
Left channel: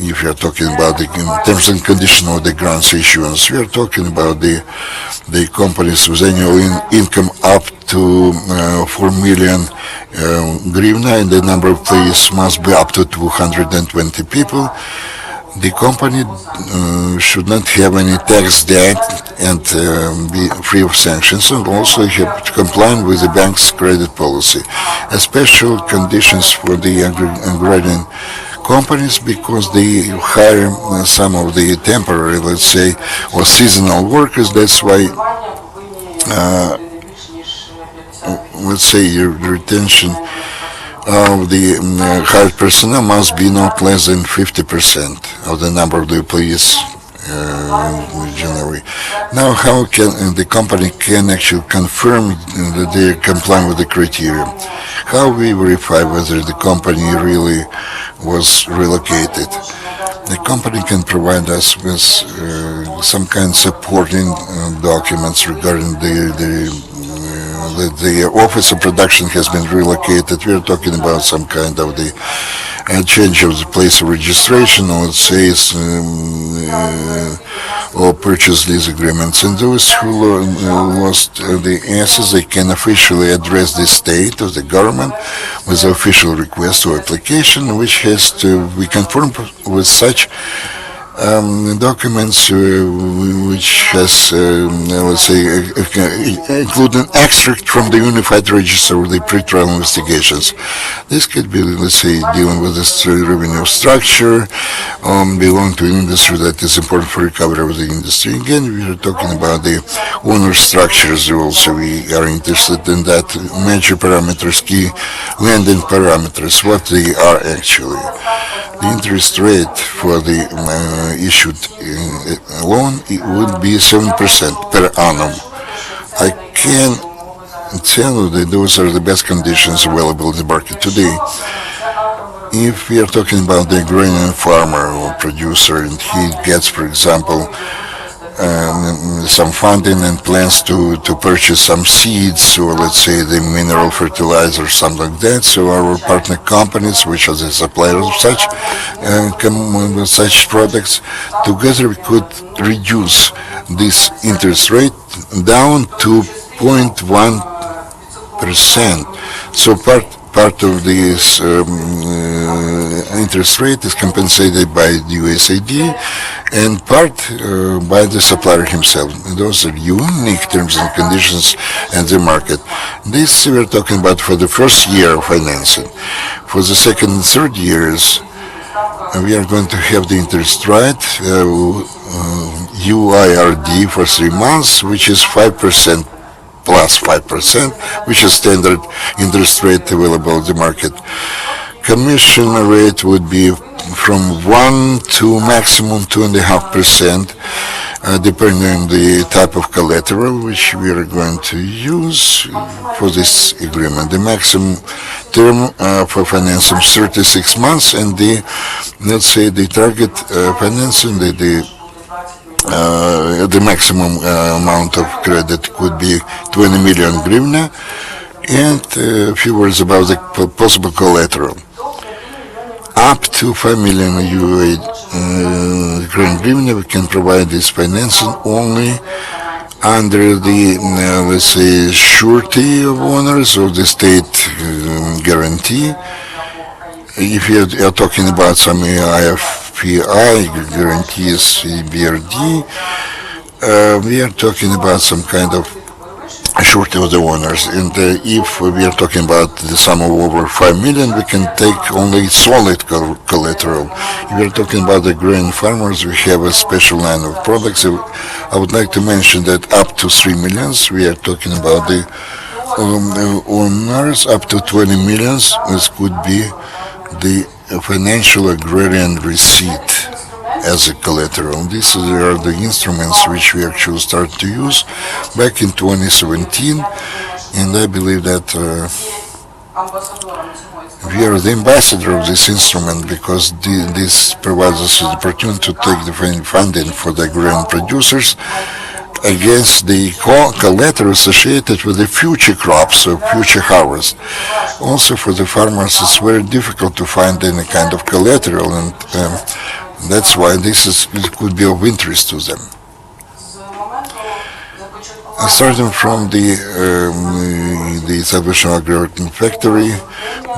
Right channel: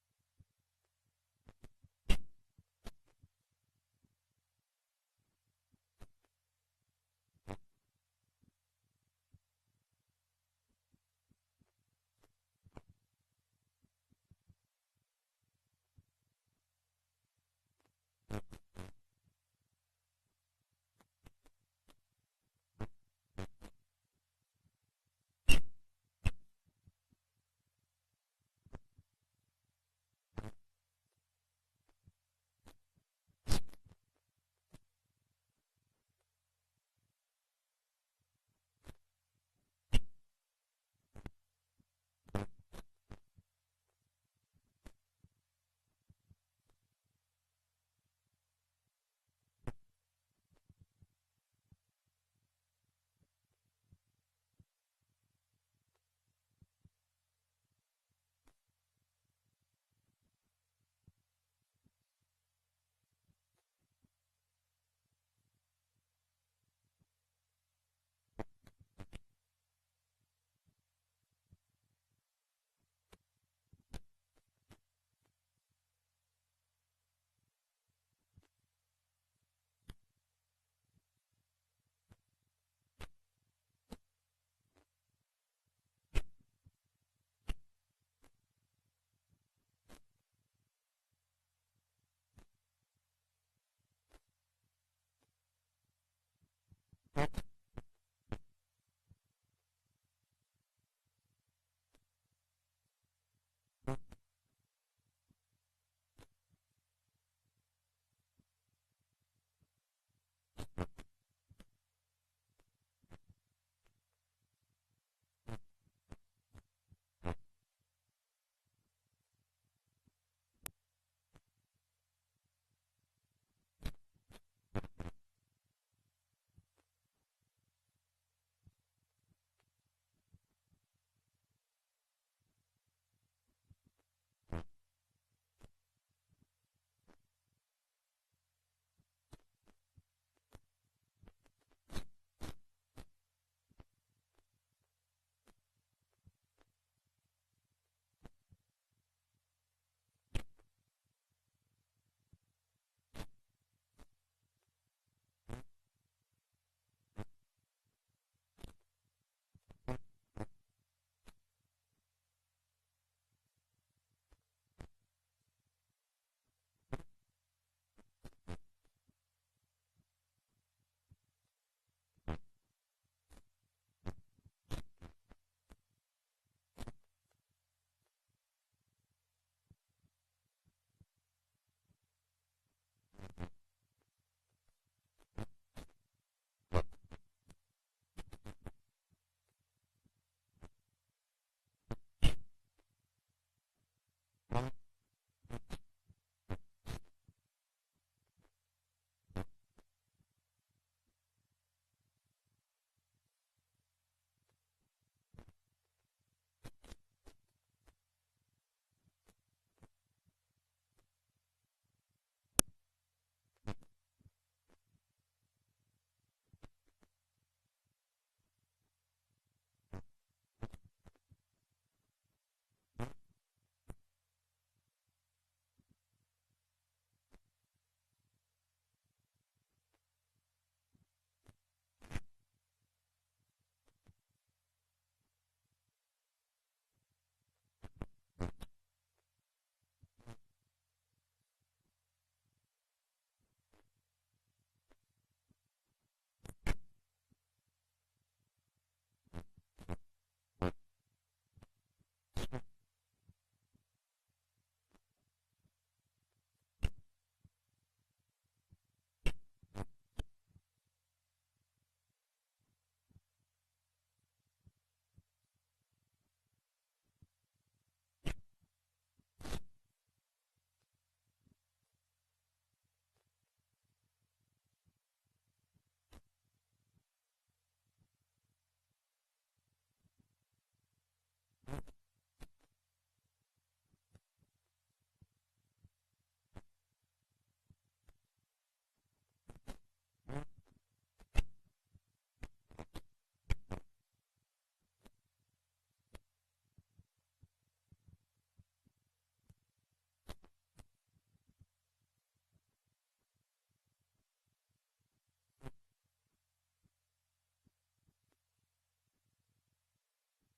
If you are talking about the terms and conditions of the grants issuance, we are talking about the companies with annual income up to 4 million hryvnia, and the number of employees must be up to 220 people. The company should not have any tax debt and be free of sanctions, and also have to comply with the bank's credit policy. Special conditions for the agrarian companies, because they hire some of the temporary, let's say, or seasonal workers. That's why, let's say, your retention of the hired personnel must be not less than 50% of the number of the employees generally. Now, how can the company can actually confirm that they comply with the criteria? How we verify whether the company really was relocated? The company can provide us with some kind of supporting documents regarding the office of production has been relocated. We are talking about some kind of the change of the place of registration, or let's say or purchase lease agreements. And those who lost the assets, they can officially address the state or the government with an official request or application, which has to be confirmed with such documents which has, let's say, include an extract from the Unified Register of the pre-trial investigations. This could be, let's say, dealing with the revenue structure, belong to an industry that is important for recovery of the industry. Again, we are talking about the owner structures also. We are interested in that major parameters, key lending parameters, what they are actually. The interest rate for the issued loan would be 7% per annum. I can tell you that those are the best conditions available in the market today. If we are talking about the Agrarian farmer or producer and he gets, for example, some funding and plans to purchase some seeds or let's say the mineral fertilizer or something like that. So our partner companies, which are the suppliers of such products, together we could reduce this interest rate down to 0.1%. So part of this interest rate is compensated by the USAID and part by the supplier himself. Those are unique terms and conditions in the market. This we're talking about for the first year of financing. For the second and third years, we are going to have the interest rate UIRD for 3 months, which is 5% plus 5%, which is standard interest rate available in the market. Commission rate would be from 1 to maximum 2.5%, depending on the type of collateral which we are going to use for this agreement. The maximum term for financing is 36 months, and the, let's say, the target financing, the maximum amount of credit could be 20 million hryvnia, and a few words about the possible collateral. Up to 5 million Ukrainian hryvnia, we can provide this financing only under the, let's say, surety of owners or the state guarantee. If you are talking about some IFPI guarantees, BRD, we are talking about some kind of surety of the owners. And if we are talking about the sum of over 5 million, we can take only solid collateral. If we are talking about the grain farmers, we have a special line of products. I would like to mention that up to 3 millions, we are talking about the owners. Up to 20 millions, this could be the financial agrarian receipt as a collateral. These are the instruments which we actually started to use back in 2017, and I believe that we are the ambassador of this instrument because this provides us the opportunity to take the funding for the agrarian producers against the collateral associated with the future crops or future harvest. Also for the farmers, it's very difficult to find any kind of collateral, and that's why it could be of interest to them. Starting from the establishment of Agrarian factory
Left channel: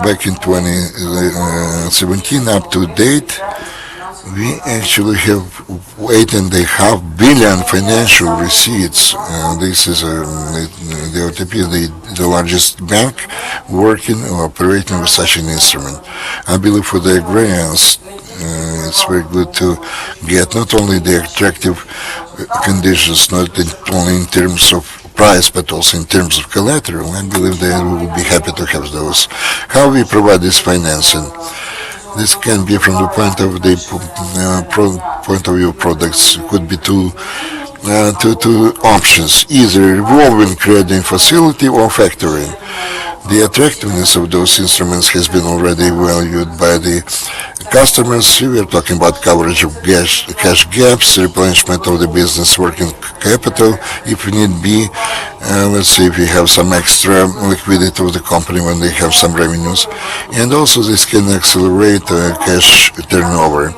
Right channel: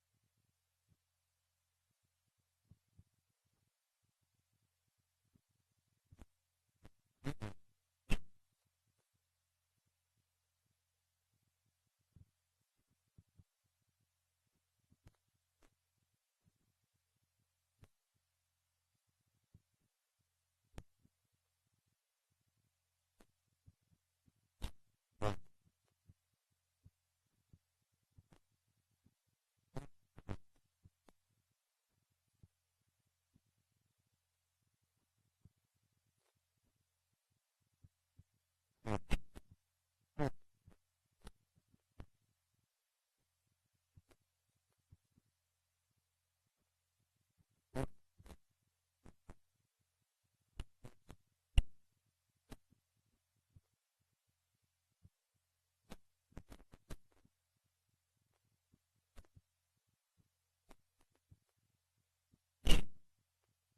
back in 2017 up to date, we actually have 8.5 billion financial receipts. This is the OTP, the largest bank working or operating with such an instrument. I believe for the agrarians, it's very good to get not only the attractive conditions, not only in terms of price, but also in terms of collateral. I believe they will be happy to have those. How we provide this financing? This can be from the point of view of products. It could be two options, either revolving credit facility or factoring. The attractiveness of those instruments has been already valued by the customers. We are talking about coverage of cash gaps, replenishment of the business working capital, if need be. Let's say if we have some extra liquidity of the company when they have some revenues. And also this can accelerate cash turnover.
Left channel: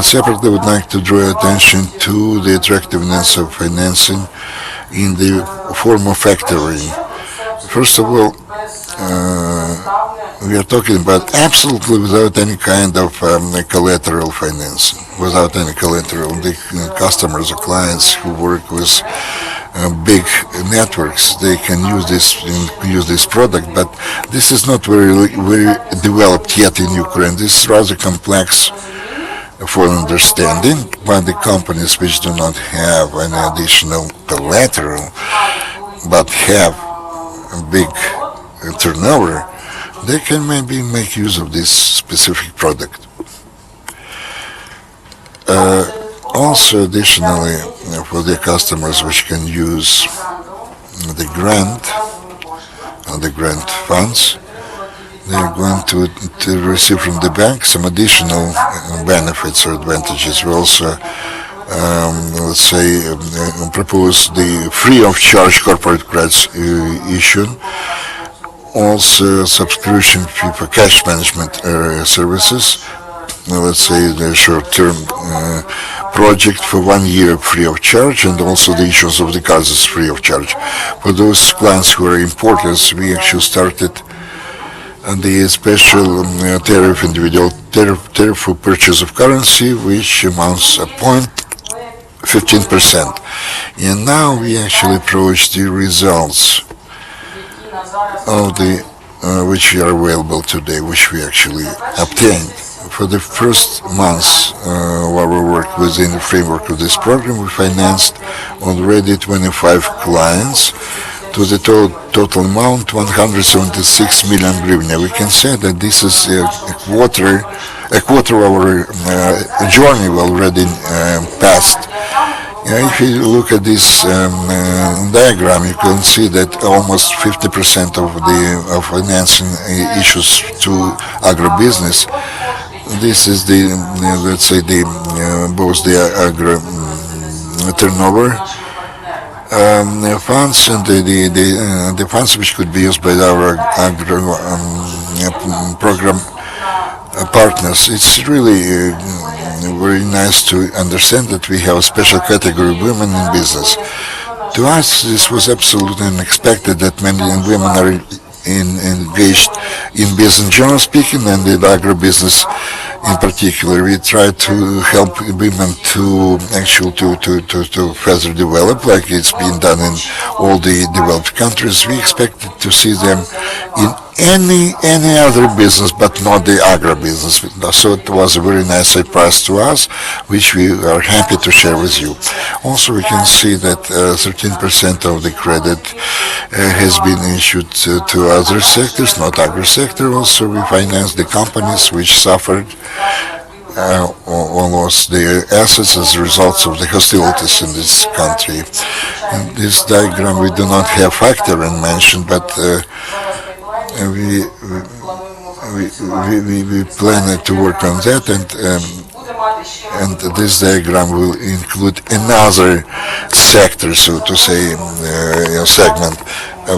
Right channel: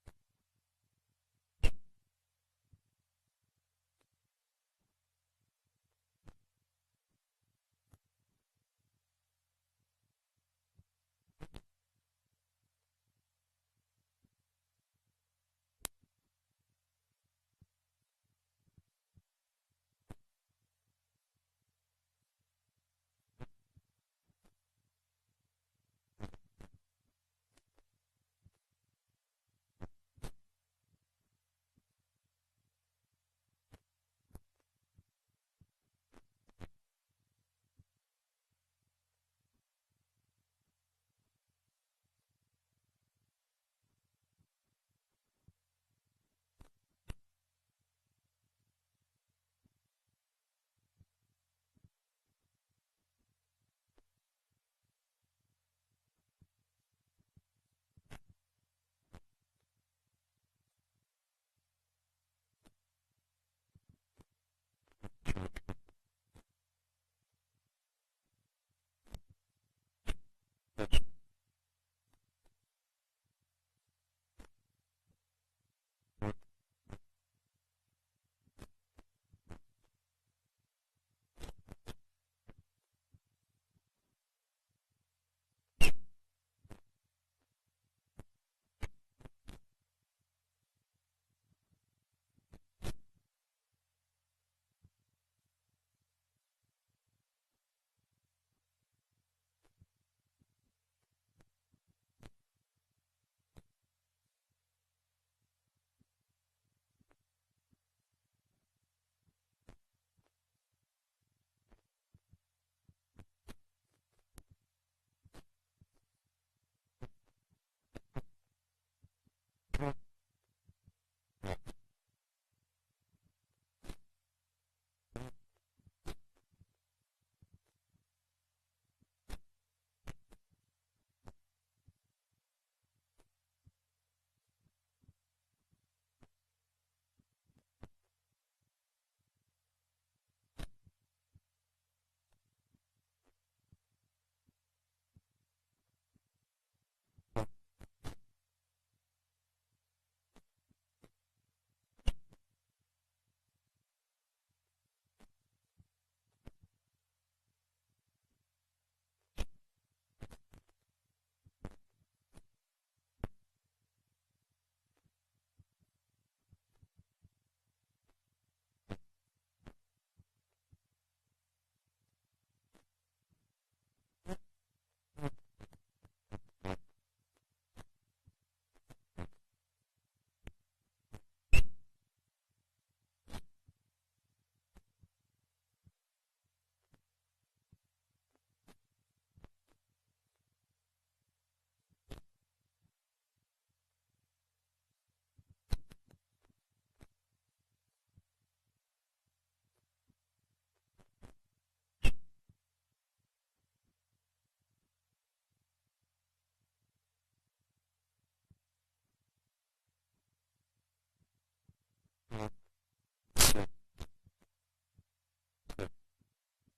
Separately, I would like to draw attention to the attractiveness of financing in the form of factoring. First of all, we are talking about absolutely without any kind of collateral financing, without any collateral. The customers or clients who work with big networks, they can use this product, but this is not very developed yet in Ukraine. This is rather complex for understanding, but the companies which do not have any additional collateral but have a big turnover, they can maybe make use of this specific product. Also, additionally, for the customers which can use the grant funds, they're going to receive from the bank some additional benefits or advantages. We also, propose the free of charge corporate credits issue, also subscription fee for cash management services, the short-term project for 1 year free of charge, and also the issuance of the cards is free of charge. For those clients who are importers, we actually started the special tariff, individual tariff for purchase of currency, which amounts to 0.15%. And now we actually approach the results of the which are available today, which we actually obtained. For the first months of our work within the framework of this program, we financed already 25 clients to the total amount 176 million hryvnia. We can say that this is a quarter of our journey already passed. If you look at this diagram, you can see that almost 50% of financing issues to agribusiness. This is the both the agro turnover funds and the funds which could be used by our agro program partners. It's really very nice to understand that we have a special category of women in business. To us, this was absolutely unexpected that many women are engaged in business, generally speaking, and in agribusiness in particular. We try to help women to actually to further develop, like it's been done in all the developed countries. We expected to see them in any other business, but not the agribusiness. So it was a very nice surprise to us, which we are happy to share with you. Also, we can see that 13% of the credit has been issued to other sectors, not agri sector. Also, we financed the companies which suffered or lost their assets as a result of the hostilities in this country. In this diagram, we do not have factoring mentioned, but we plan to work on that, and this diagram will include another sector, so to say, segment.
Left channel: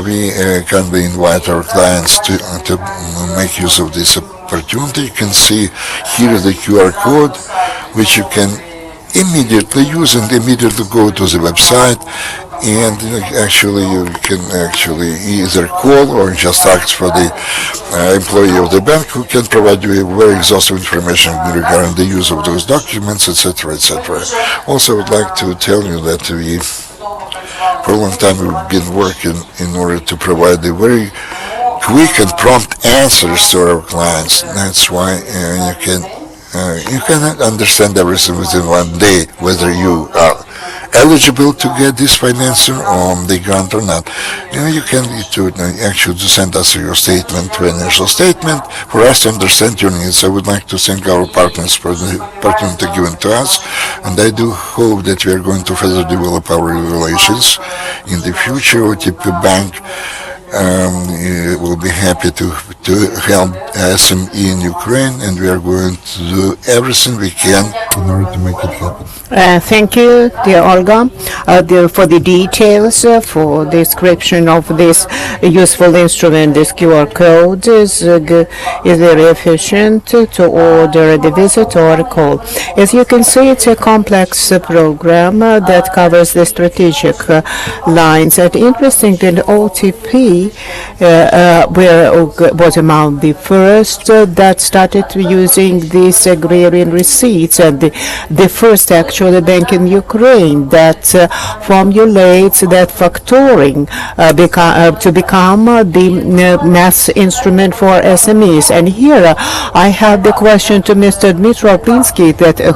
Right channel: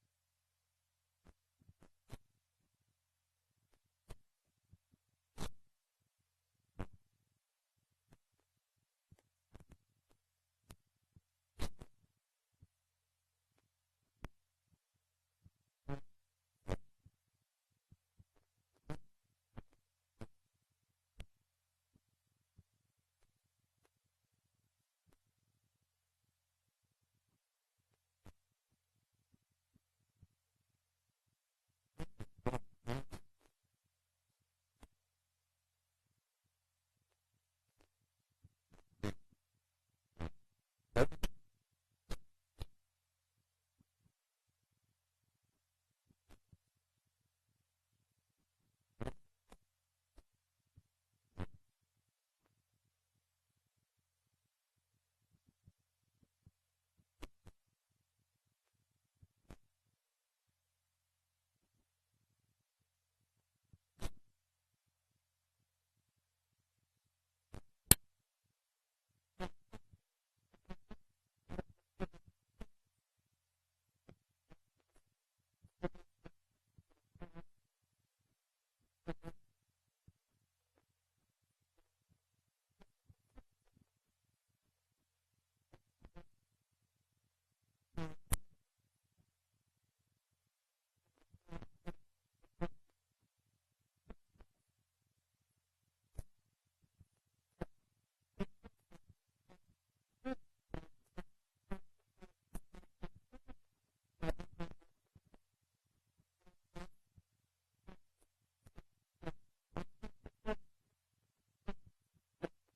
We kindly invite our clients to make use of this opportunity. You can see here the QR code, which you can immediately use and immediately go to the website. And actually, you can either call or just ask for the employee of the bank, who can provide you very exhaustive information regarding the use of those documents, etc., etc. Also, I would like to tell you that for a long time, we've been working in order to provide the very quick and prompt answers to our clients. That's why you cannot understand everything within 1 day, whether you are eligible to get this financing or the grant or not. You can actually send us your statement, financial statement, for us to understand your needs. I would like to thank our partners for the opportunity given to us, and I do hope that we are going to further develop our relations in the future. OTP Bank will be happy to help SME in Ukraine, and we are going to do everything we can in order to make it happen. Thank you, dear Olga, for the details, for the description of this useful instrument. This QR code is very efficient to order the visit or call. As you can see, it's a complex program that covers the strategic lines. And interesting that OTP was among the first that started using these agrarian receipts, and the first actually bank in Ukraine that formulates that factoring to become the mass instrument for SMEs. And here I have the question to Mr. Dmytro,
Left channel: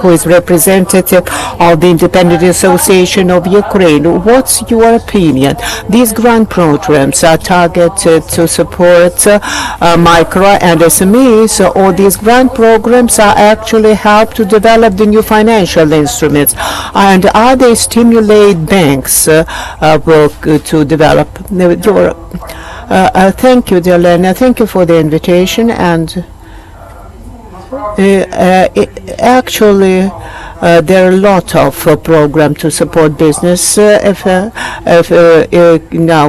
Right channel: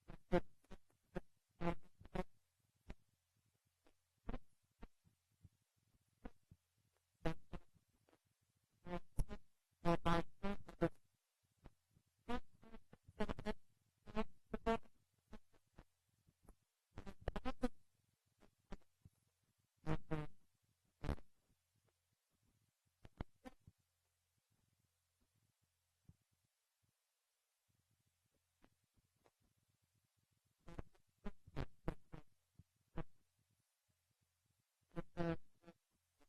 who is representative of the Independent Association of Ukraine. What's your opinion? These grant programs are targeted to support micro and SMEs, or these grant programs are actually help to develop the new financial instruments, and are they stimulate banks to develop your thank you, dear Lena. Thank you for the invitation. And actually there are a lot of programs to support business now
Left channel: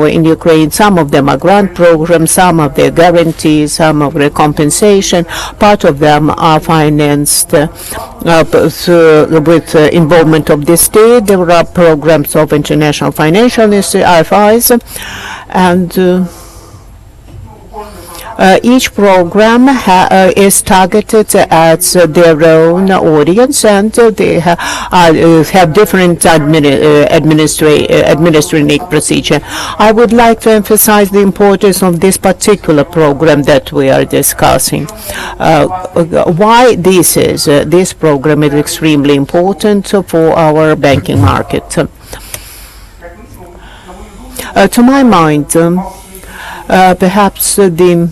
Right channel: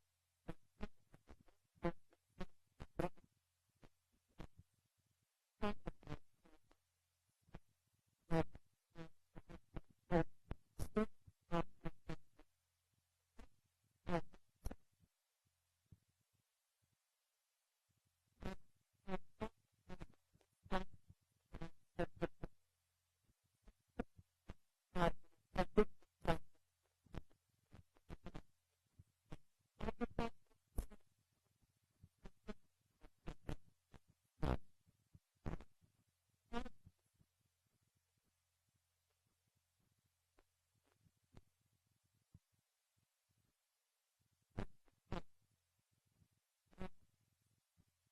in Ukraine. Some of them are grant programs, some of the guarantees, some of the compensation. Part of them are financed with involvement of the state. There are programs of international financial institutions, and each program is targeted at their own audience, and they have different administrative procedure. I would like to emphasize the importance of this particular program that we are discussing. Why this program is extremely important for our banking market. To my mind, perhaps the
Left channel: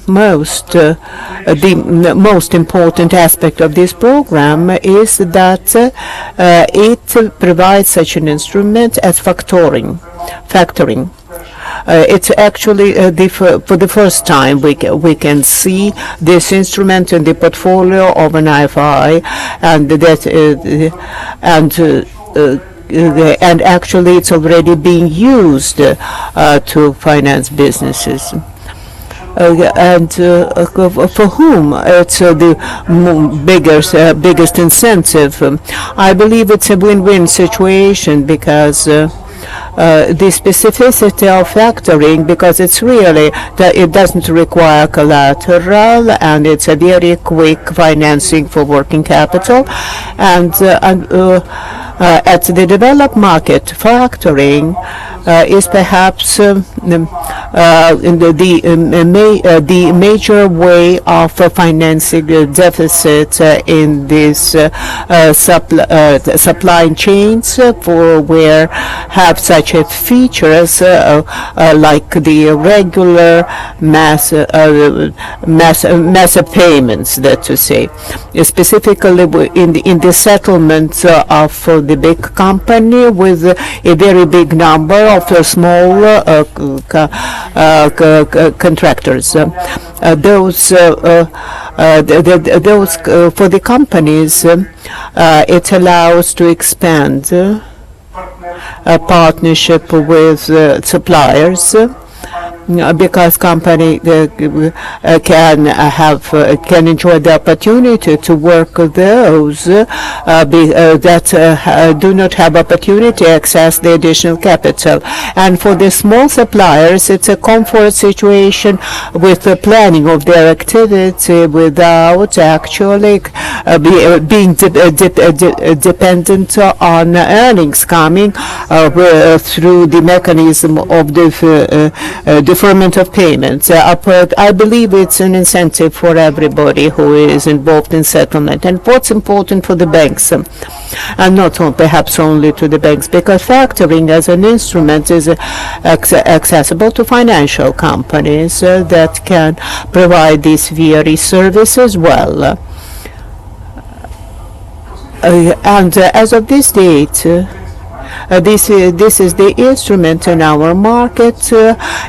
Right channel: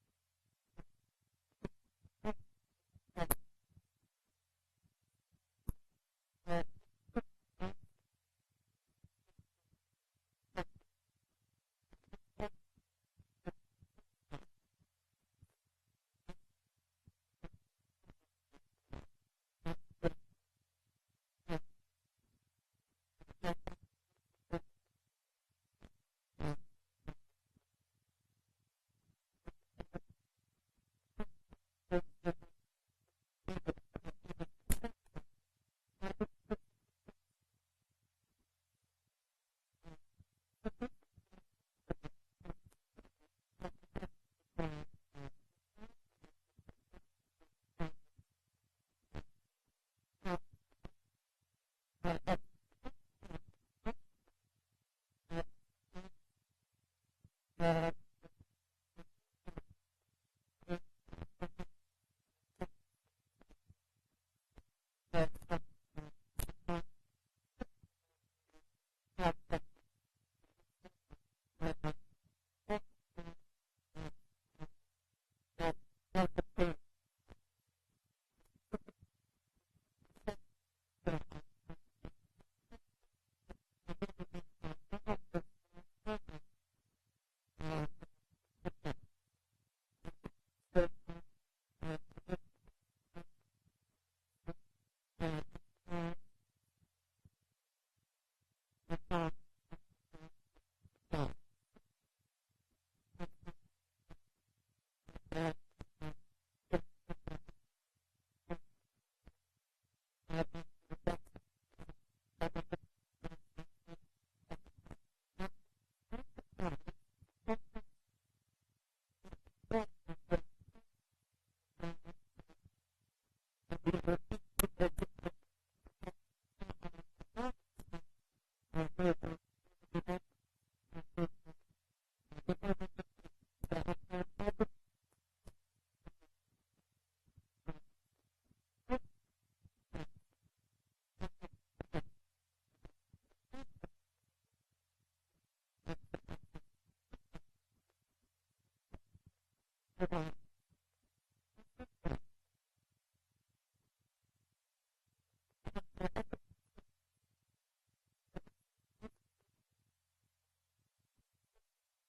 most important aspect of this program is that it provides such an instrument as factoring. It's actually for the first time we can see this instrument in the portfolio of an IFI, and actually it's already being used to finance businesses. And for whom it's the biggest incentive. I believe it's a win-win situation, because the specificity of factoring, because it's really that it doesn't require collateral, and it's a very quick financing for working capital, and at the developed market, factoring is perhaps the major way of financing the deficit in these supply chains, for where have such a features like the regular mass payments, that to say, specifically in the settlement of the big company with a very big number of small contractors. Those for the companies, it allows to expand a partnership with suppliers, because company can enjoy the opportunity to work with those that do not have opportunity to access the additional capital. And for the small suppliers, it's a comfort situation with the planning of their activity without actually being dependent on earnings coming through the mechanism of the deferment of payments. I believe it's an incentive for everybody who is involved in settlement. And what's important for the banks, and not perhaps only to the banks, because factoring as an instrument is accessible to financial companies that can provide these very services well. And as of this date, this is the instrument in our market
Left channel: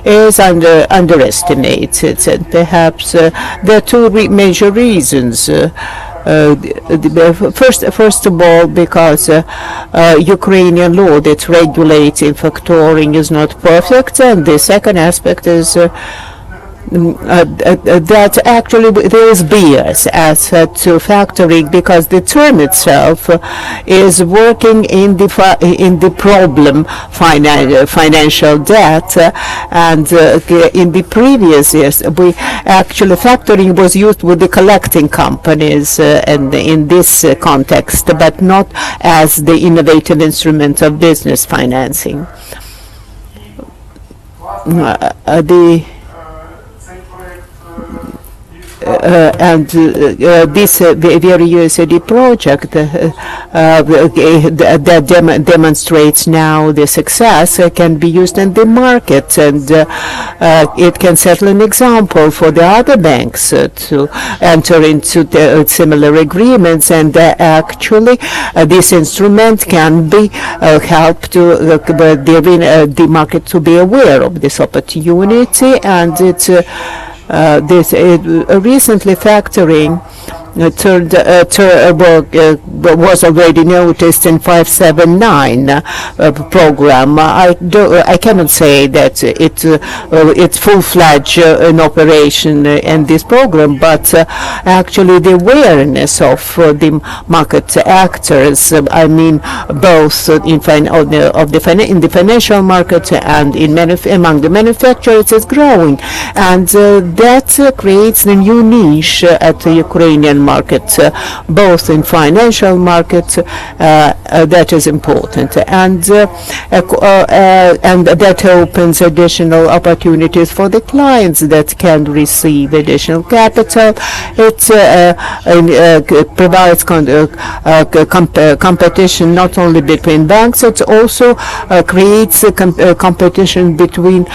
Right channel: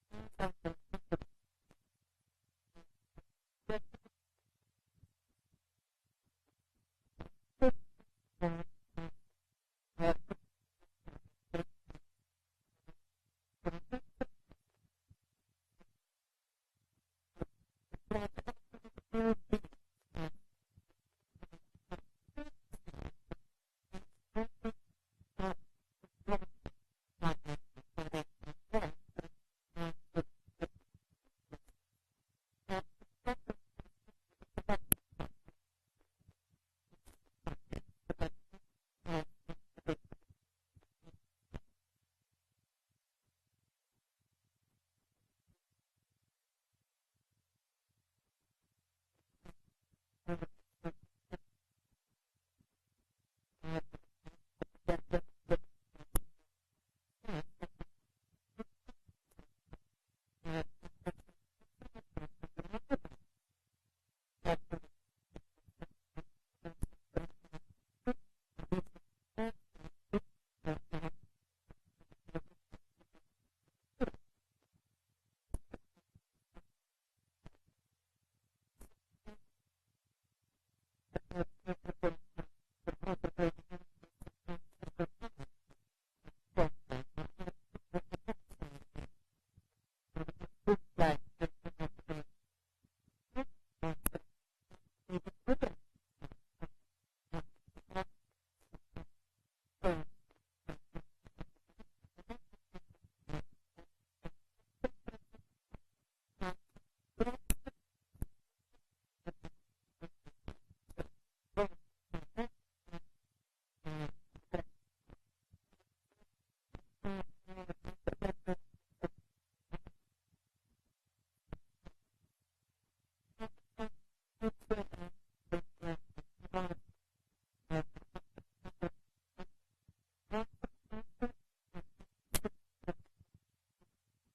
is underestimated, and perhaps there are two major reasons. First of all, because Ukrainian law that regulating factoring is not perfect, and the second aspect is that actually there is bias as to factoring, because the term itself is working in the problem financial debt, and in the previous years factoring was used with the collecting companies and in this context, but not as the innovative instrument of business financing. This very USAID project that demonstrates now the success can be used in the market, and it can set an example for the other banks to enter into similar agreements, and actually this instrument can be help to the market to be aware of this opportunity, and it's recently factoring was already noticed in 579 program. I cannot say that it's full-fledged in operation in this program, but actually the awareness of the market actors, I mean both in the financial market and among the manufacturers, is growing, and that creates a new niche at the Ukrainian market, both in financial market, that is important, and that opens additional opportunities for the clients that can receive additional capital. It provides competition not only between banks, it also creates competition between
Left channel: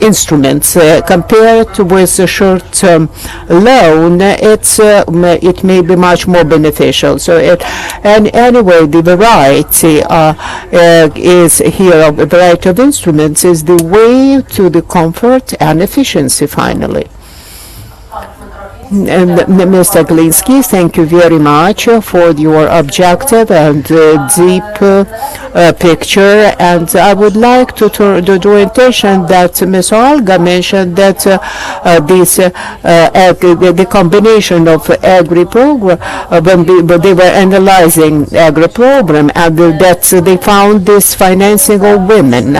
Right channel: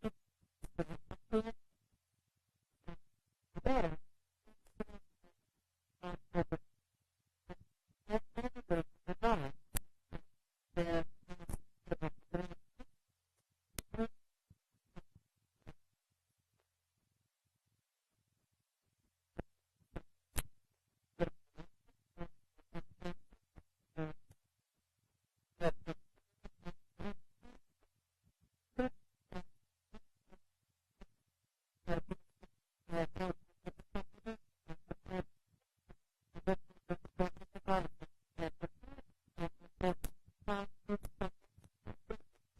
instruments. Compared with a short-term loan, it may be much more beneficial. So anyway, the variety is here of a variety of instruments is the way to the comfort and efficiency finally. Mr. Glinskyi, thank you very much for your objective and deep picture, and I would like to draw attention that Ms. Olga mentioned that the combination of agri program when they were analyzing agri program, and that they found this financing of women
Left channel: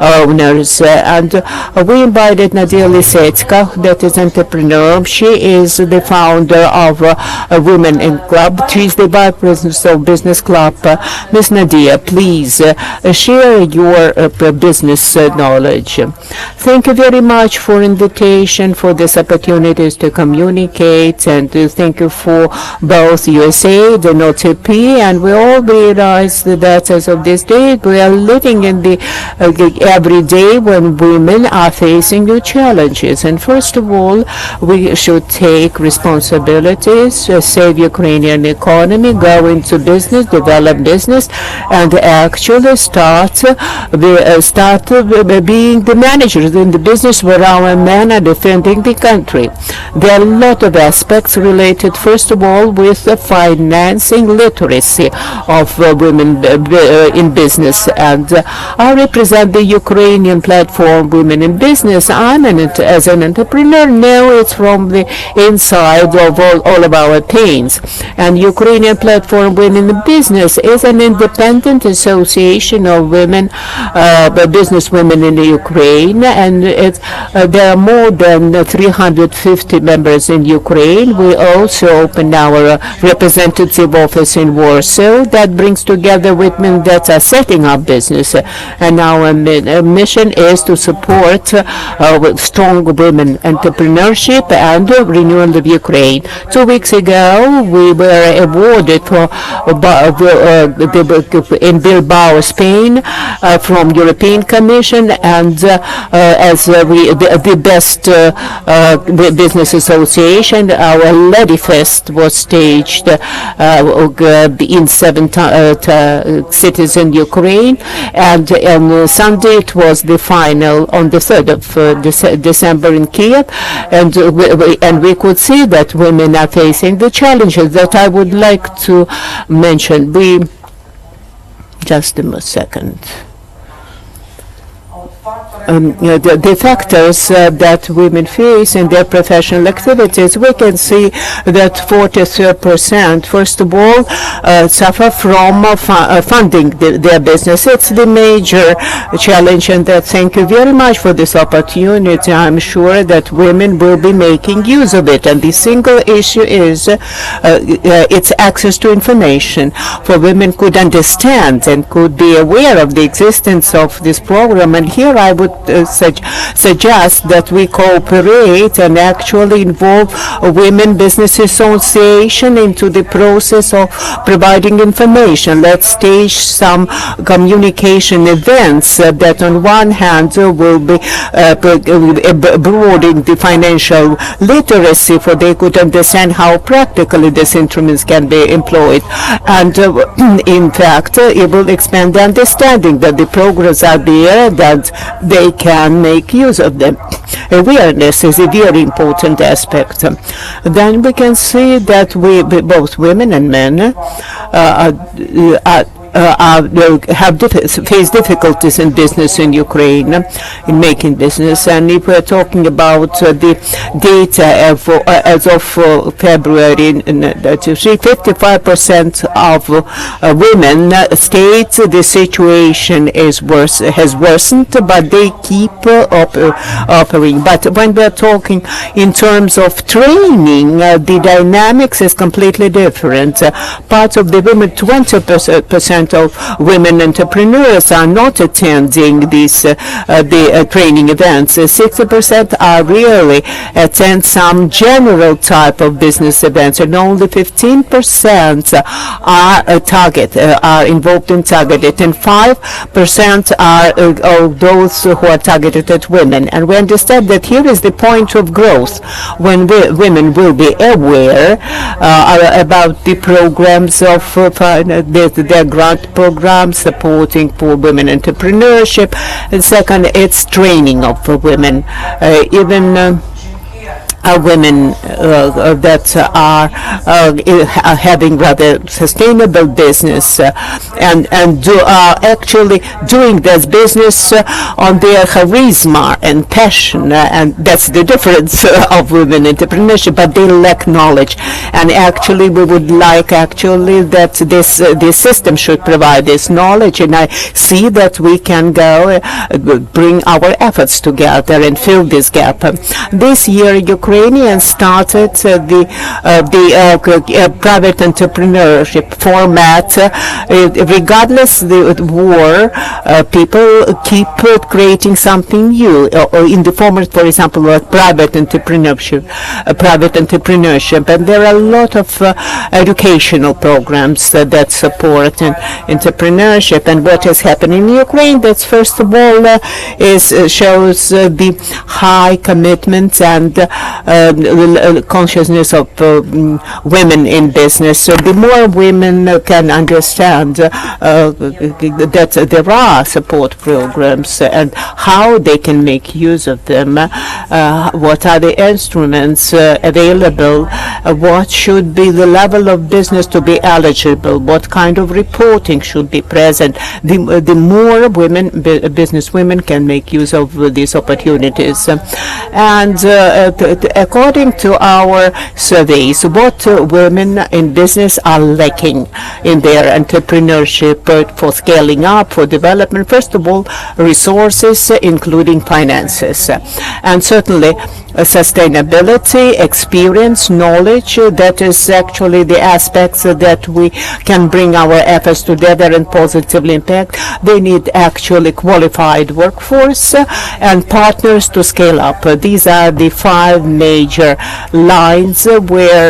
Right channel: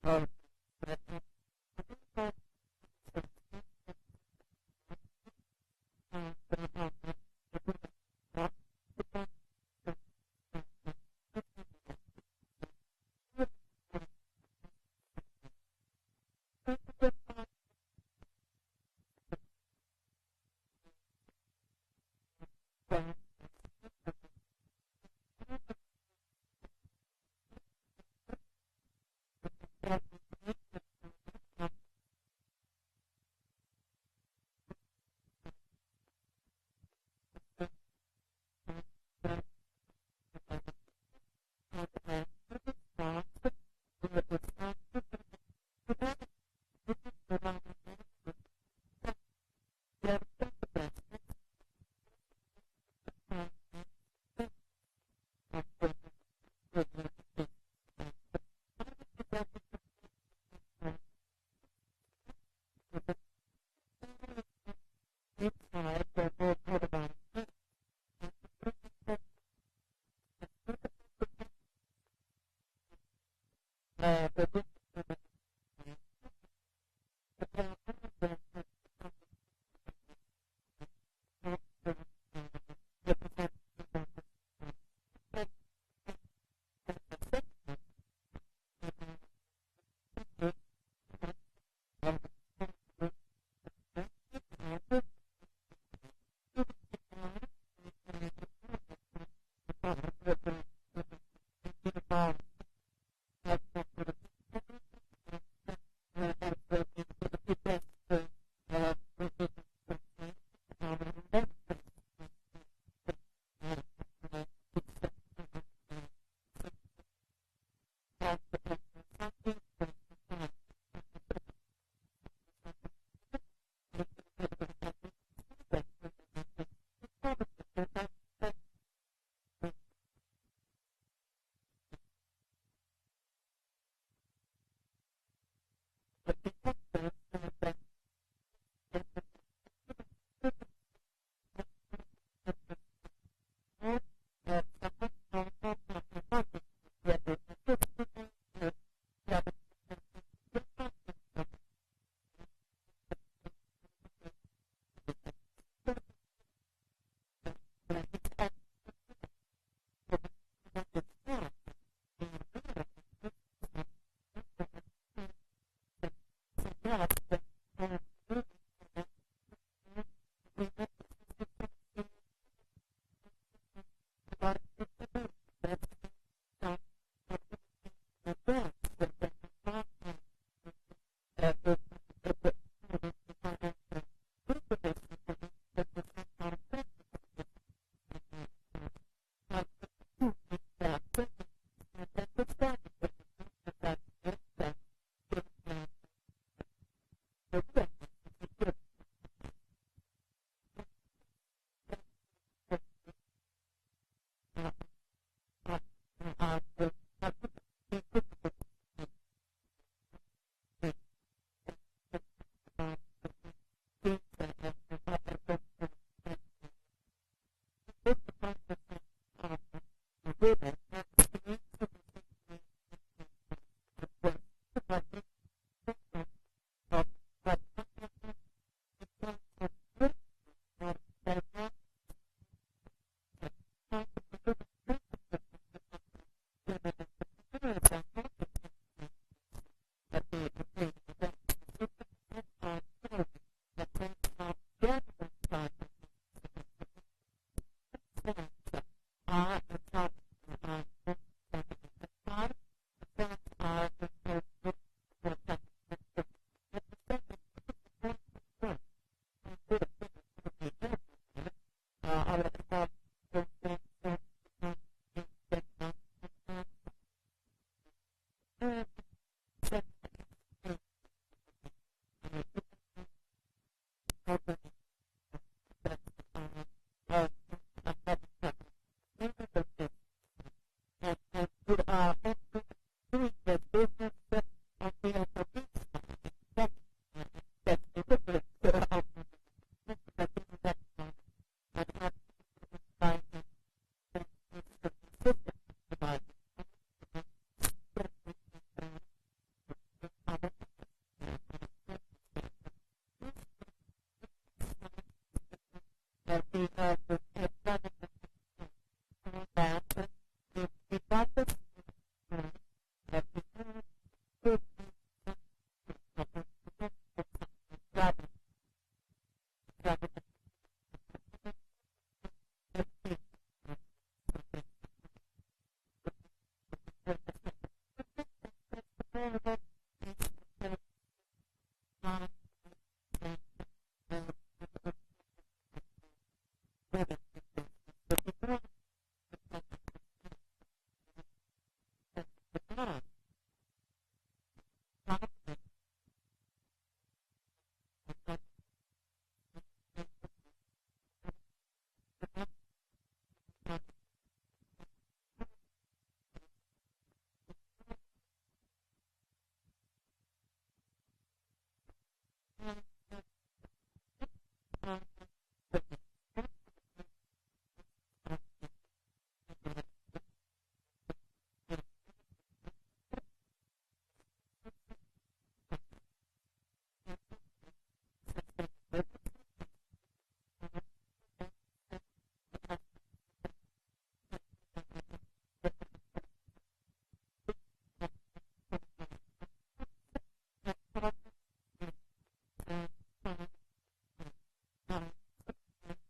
owners, and we invited Nadia Lysetska, that is entrepreneur. She is the founder of a Women in Club. She is the vice president of business club. Ms. Nadia, please share your business knowledge. Thank you very much for invitation, for this opportunities to communicate, and thank you for both USAID and OTP. And we all realize that as of this day, we are living in the every day when women are facing new challenges. And first of all, we should take responsibilities, save Ukrainian economy, go into business, develop business, and actually start being the managers in the business where our men are defending the country. There are a lot of aspects related, first of all, with the financing literacy of women in business. And I represent the Ukrainian platform Women in Business. As an entrepreneur, now it's from the inside of all of our pains. And Ukrainian platform Women in Business is an independent association of women, business women in the Ukraine, and there are more than 350 members in Ukraine. We also opened our representative office in Warsaw that brings together women that are setting up business, and our mission is to support strong women entrepreneurship and renewal of Ukraine. 2 weeks ago, we were awarded in Bilbao, Spain, from European Commission, and the best business association. Our Lady Fest was staged in 7 cities in Ukraine, and on Sunday it was the final on the 3rd of December in Kiev, and we could see that women are facing the challenges that I would like to mention. Just a second. The factors that women face in their professional activities, we can see that 43%, first of all, suffer from funding their business. It's the major challenge, and thank you very much for this opportunity. I'm sure that women will be making use of it, and the single issue is its access to information. For women could understand and could be aware of the existence of this program, and here I would suggest that we cooperate and actually involve Women Business Association into the process of providing information. Let's stage some communication events that on one hand will be broadening the financial literacy, for they could understand how practically these instruments can be employed. And in fact, it will expand the understanding that the programs are there, that they can make use of them. Awareness is a very important aspect. Then we can see that both women and men face difficulties in business in Ukraine, in making business. And if we're talking about the data as of February, 55% of women state the situation has worsened, but they keep offering. But when we're talking in terms of training, the dynamics is completely different. Part of the women, 20% of women entrepreneurs are not attending these the training events. 60% are really attend some general type of business events, and only 15% are involved in targeted, and 5% are those who are targeted at women. And we understand that here is the point of growth when women will be aware about the programs of their grant programs supporting for women entrepreneurship. And second, it's training of women. Even women that are having rather sustainable business and are actually doing this business on their charisma and passion, and that's the difference of women entrepreneurship, but they lack knowledge. And actually we would like actually that this system should provide this knowledge, and I see that we can go bring our efforts together and fill this gap. This year Ukrainians started the private entrepreneurship format. Regardless the war, people keep creating something new in the format, for example, of private entrepreneurship. And there are a lot of educational programs that support entrepreneurship. And what has happened in Ukraine, that's first of all shows the high commitment and consciousness of women in business. So the more women can understand that there are support programs and how they can make use of them, what are the instruments available, what should be the level of business to be eligible, what kind of reporting should be present, the more business women can make use of these opportunities. And according to our surveys, what women in business are lacking in their entrepreneurship for scaling up, for development, first of all, resources, including finances, and certainly sustainability, experience, knowledge. That is actually the aspects that we can bring our efforts together and positively impact. They need actually qualified workforce and partners to scale up. These are the 5 major lines where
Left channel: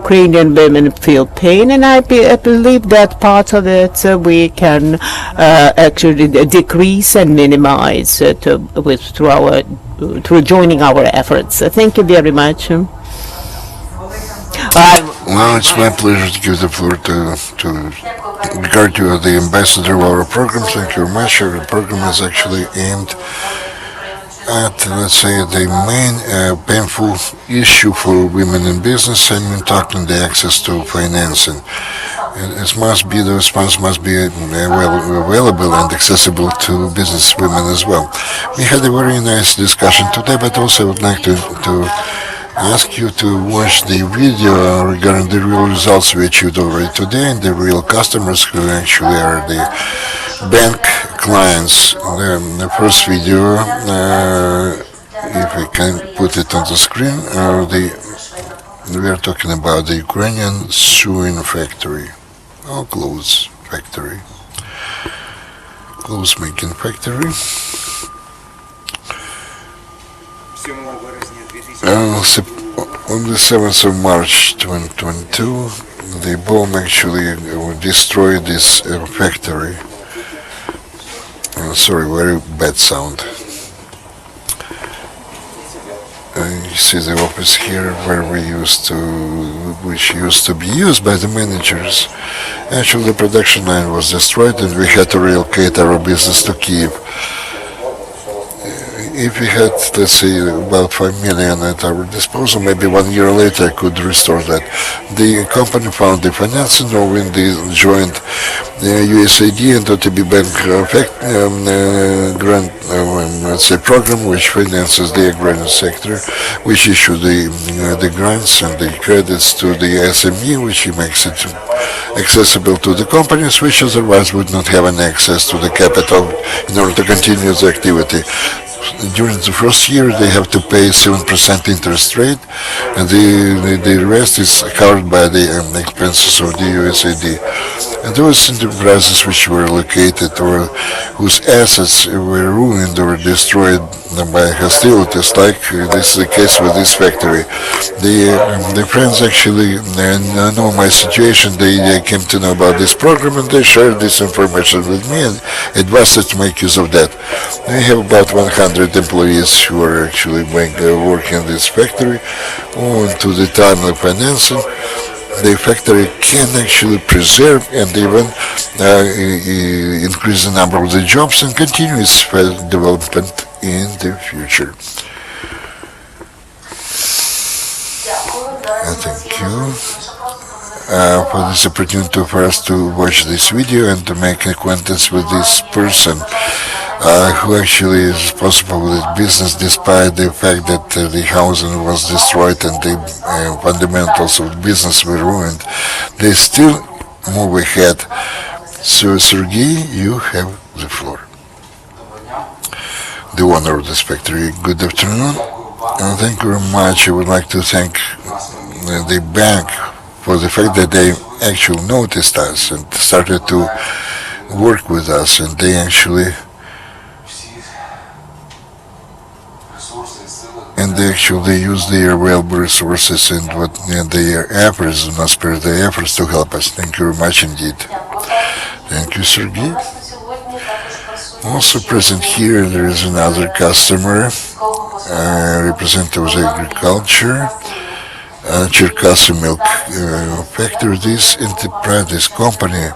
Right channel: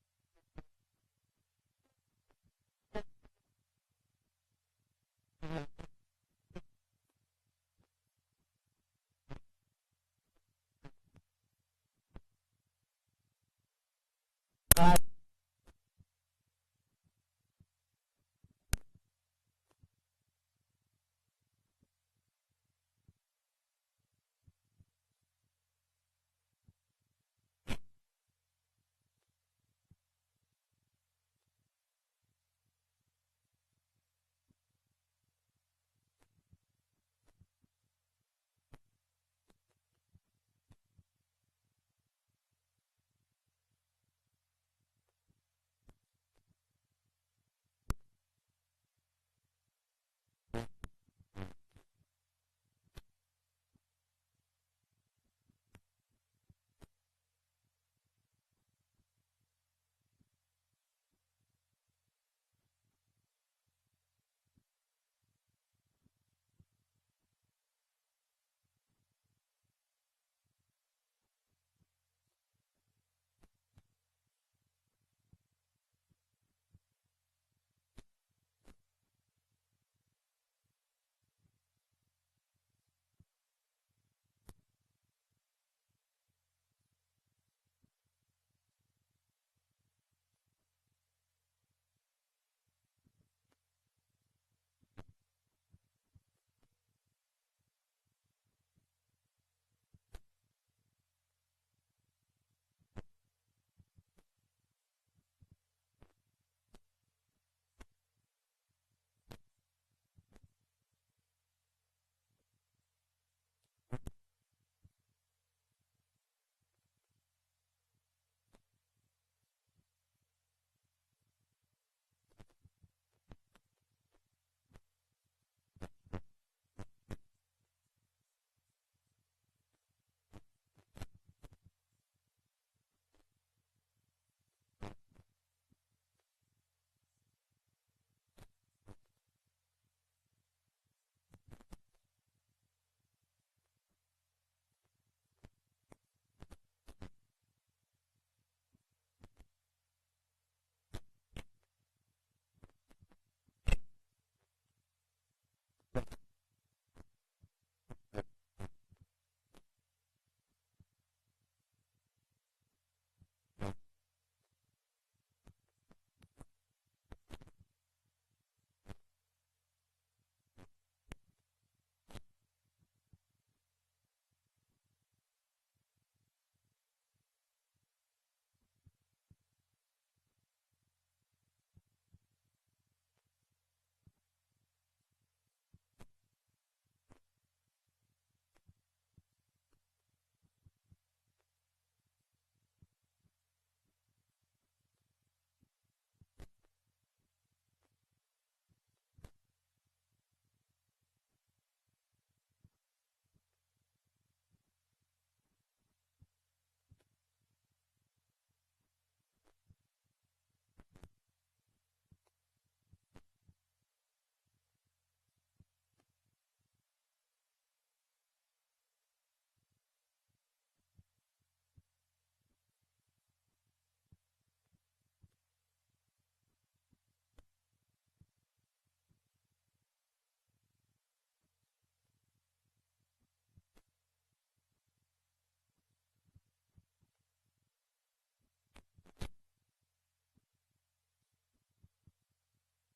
Ukrainian women feel pain, and I believe that part of it we can actually decrease and minimize through joining our efforts. Thank you very much. Well, it's my pleasure to give the floor to regard to the ambassador of our program. Thank you very much. Our program is actually aimed at, let's say, the main painful issue for women in business, and we're talking the access to financing. It must be, those funds must be available and accessible to business women as well. We had a very nice discussion today, but also I would like to ask you to watch the video regarding the real results we achieved already today and the real customers who actually are the bank clients. The first video, if I can put it on the screen, we are talking about the Ukrainian sewing factory, or clothes factory, clothes making factory. On the 7th of March 2022, the bomb actually destroyed this factory. Sorry, very bad sound. You see the office here which used to be used by the managers. Actually, the production line was destroyed and we had to relocate our business to Kyiv. If we had, let's say, about 5 million at our disposal, maybe 1 year later I could restore that. The company found the financing, knowing the joint USAID and OTP grant, let's say, program which finances the agrarian sector, which issue the grants and the credits to the SME, which makes it accessible to the companies which otherwise would not have an access to the capital in order to continue the activity. During the first year they have to pay 7% interest rate, and the rest is covered by the expenses of the USAID. And those enterprises which were located or whose assets were ruined or destroyed by hostilities, like this is the case with this factory. The friends actually know my situation. They came to know about this program and they shared this information with me and advised us to make use of that. We have about 100 employees who are actually working in this factory. On to the timely financing, the factory can actually preserve and even increase the number of the jobs and continue its development in the future. Thank you for this opportunity for us to watch this video and to make acquaintance with this person who actually is responsible for this business, despite the fact that the housing was destroyed and the fundamentals of the business were ruined. They still move ahead. So, Sergey, you have the floor. The owner of this factory. Good afternoon. Thank you very much. I would like to thank the bank for the fact that they actually noticed us and started to work with us, and they actually use their available resources and their efforts, and spare their efforts to help us. Thank you very much indeed. Thank you, Sergey. Also present here, there is another customer, representative of agriculture, Cherkasy milk factory. This enterprise, this company,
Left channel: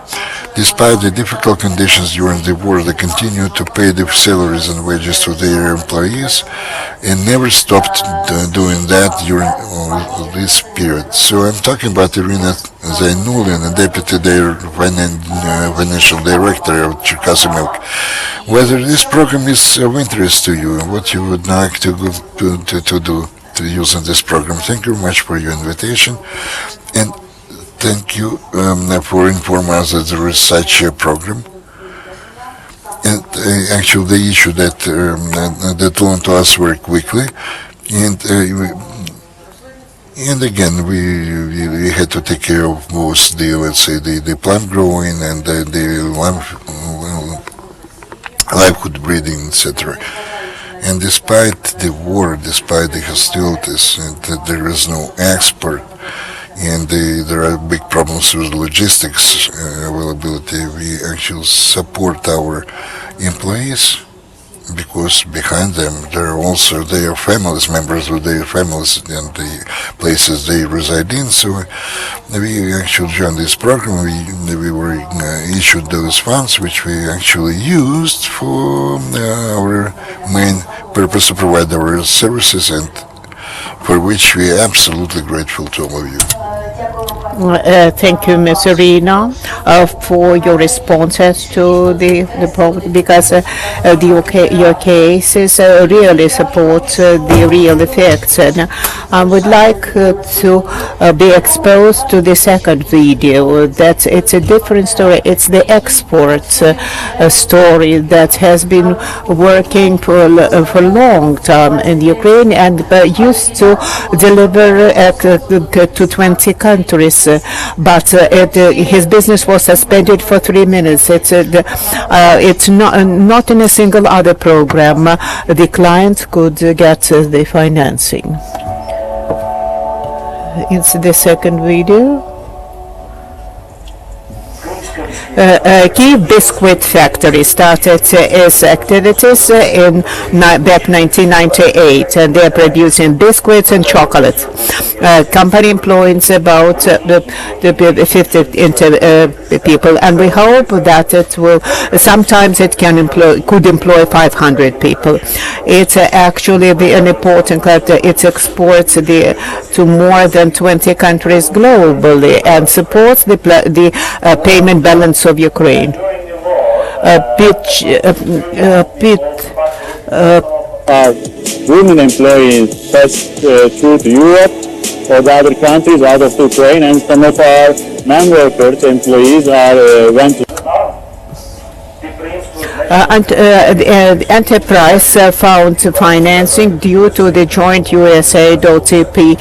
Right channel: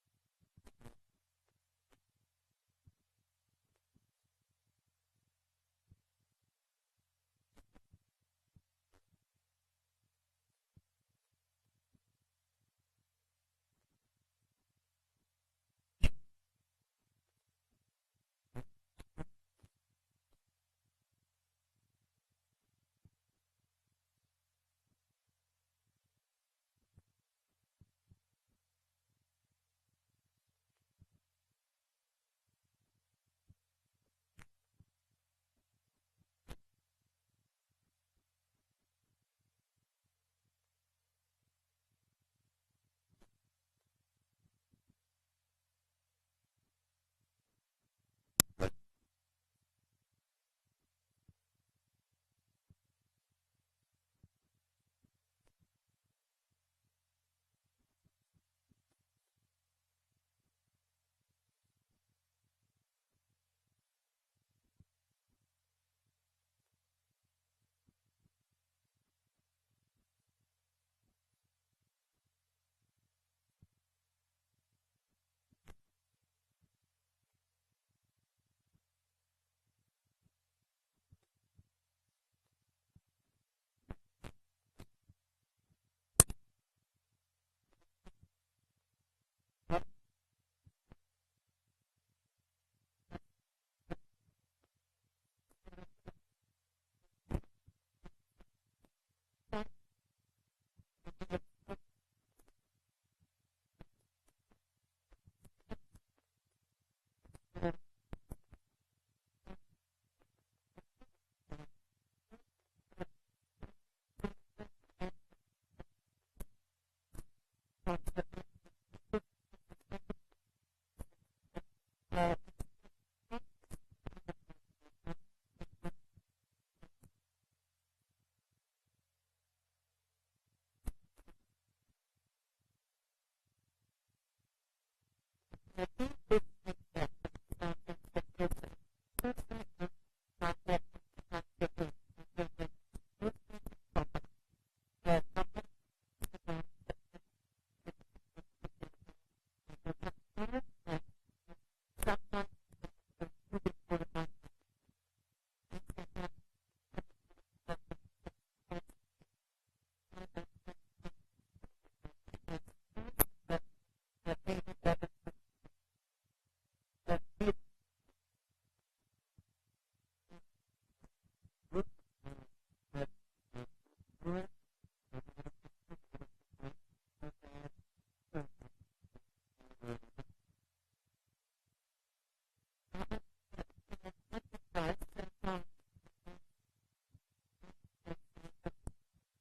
despite the difficult conditions during the war, they continue to pay the salaries and wages to their employees and never stopped doing that during this period. So I'm talking about Iryna Zainullina, Deputy Financial Director of Cherkasy Milk. Whether this program is of interest to you and what you would like to do to use in this program. Thank you very much for your invitation, and thank you for informing us that there is such a program. And actually, the issue that learned to us very quickly, and again, we had to take care of most the plant growing and the livelihood breeding, etc. And despite the war, despite the hostilities, that there is no export, and there are big problems with logistics availability, we actually support our employees, because behind them there are also their families, members of their families and the places they reside in. So we actually joined this program. We were issued those funds, which we actually used for our main purpose to provide our services, and for which we are absolutely grateful to all of you. Thank you, Ms. Iryna, for your responses to the problem, because your cases really support the real effects. And I would like to be exposed to the second video. That it's a different story. It's the export story that has been working for a long time in Ukraine, and used to deliver to 20 countries. But his business was suspended for 3 minutes. It's not in a single other program the client could get the financing. It's the second video. Kyiv Biscuit Factory started its activities back 1998, and they're producing biscuits and chocolate. Company employs about 50 people, and we hope that it will. Sometimes it could employ 500 people. It's actually an important factor. It exports to more than 20 countries globally and supports the payment balance of Ukraine. Women employees passed through to Europe or the other countries out of Ukraine, and some of our non-workers employees went to the enterprise found financing due to the joint USAID OTP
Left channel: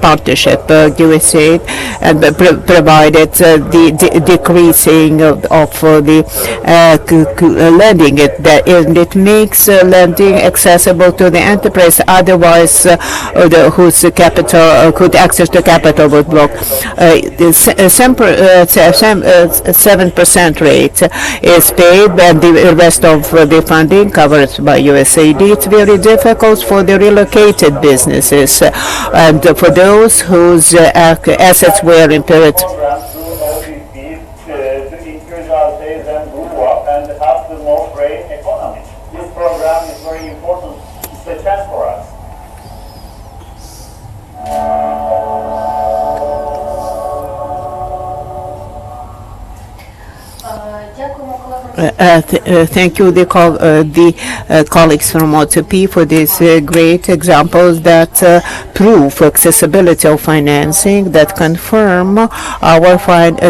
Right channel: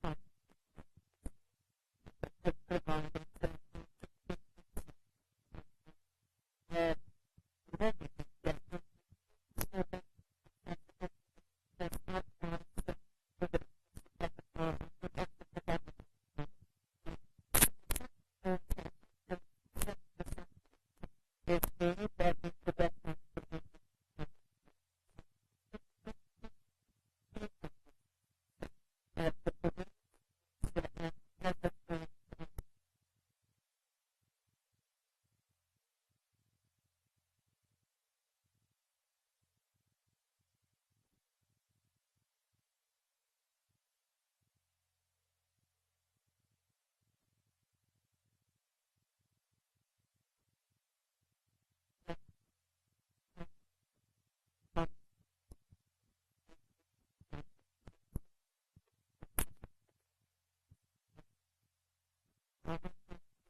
partnership. USAID and provided the decreasing of the lending. It makes lending accessible to the enterprise. Otherwise, whose capital could access the capital would block. 7% rate is paid, and the rest of the funding covered by USAID. It's very difficult for the relocated businesses and for those whose assets were impaired. to increase our sales and grow up and have the more grain economy. This program is very important. It's a chance for us. Thank you, the colleagues from OTP, for these great examples that prove accessibility of financing, that confirm our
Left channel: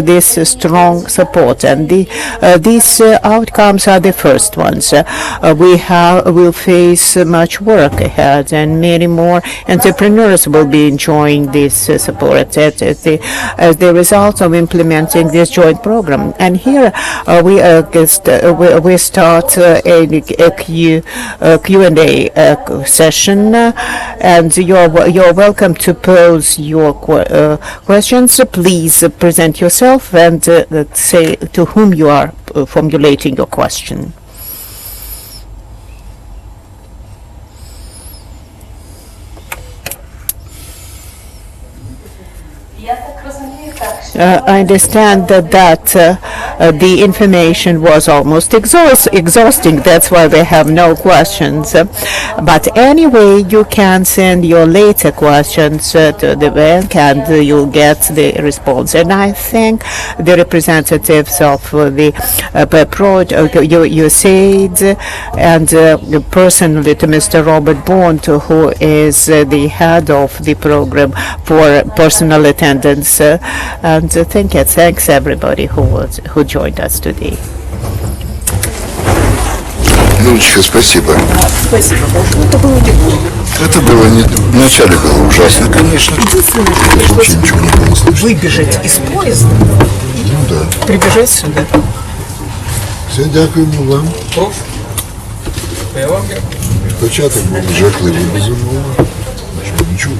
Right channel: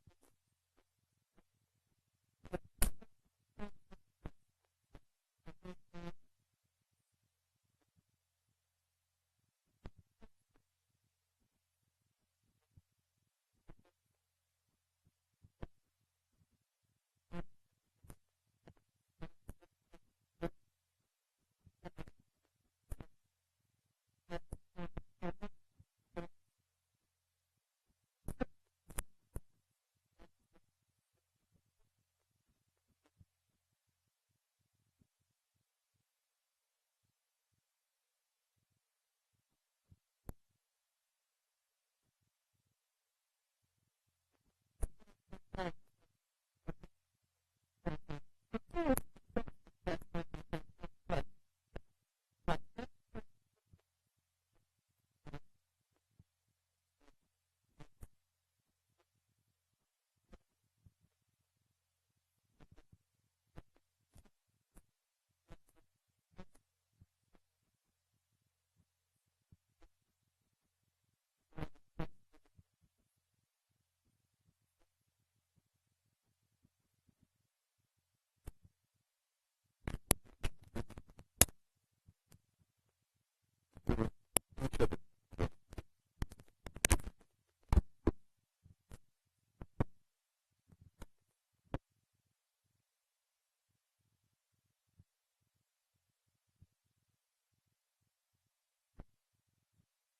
this strong support. And these outcomes are the first ones. We'll face much work ahead, and many more entrepreneurs will be enjoying this support as the result of implementing this joint program. And here we start a Q&A session, and you're welcome to pose your questions. Please present yourself and say to whom you are formulating your question. I understand that the information was almost exhausting. That's why we have no questions. But anyway, you can send your later questions to the bank, and you'll get the response. And I thank the representatives of the USAID, and personally to Mr. Robert Bond, who is the head of the program for personal attendance. And thanks everybody who joined us today. Людочка, спасибо. Это было не... Вначале было ужасно, конечно. Вообще ничего не было слышно. Выбежать из поезда и Да. прибежать сюда. Все, дякуємо вам. Початок був жахливий, безумовно, що не чув.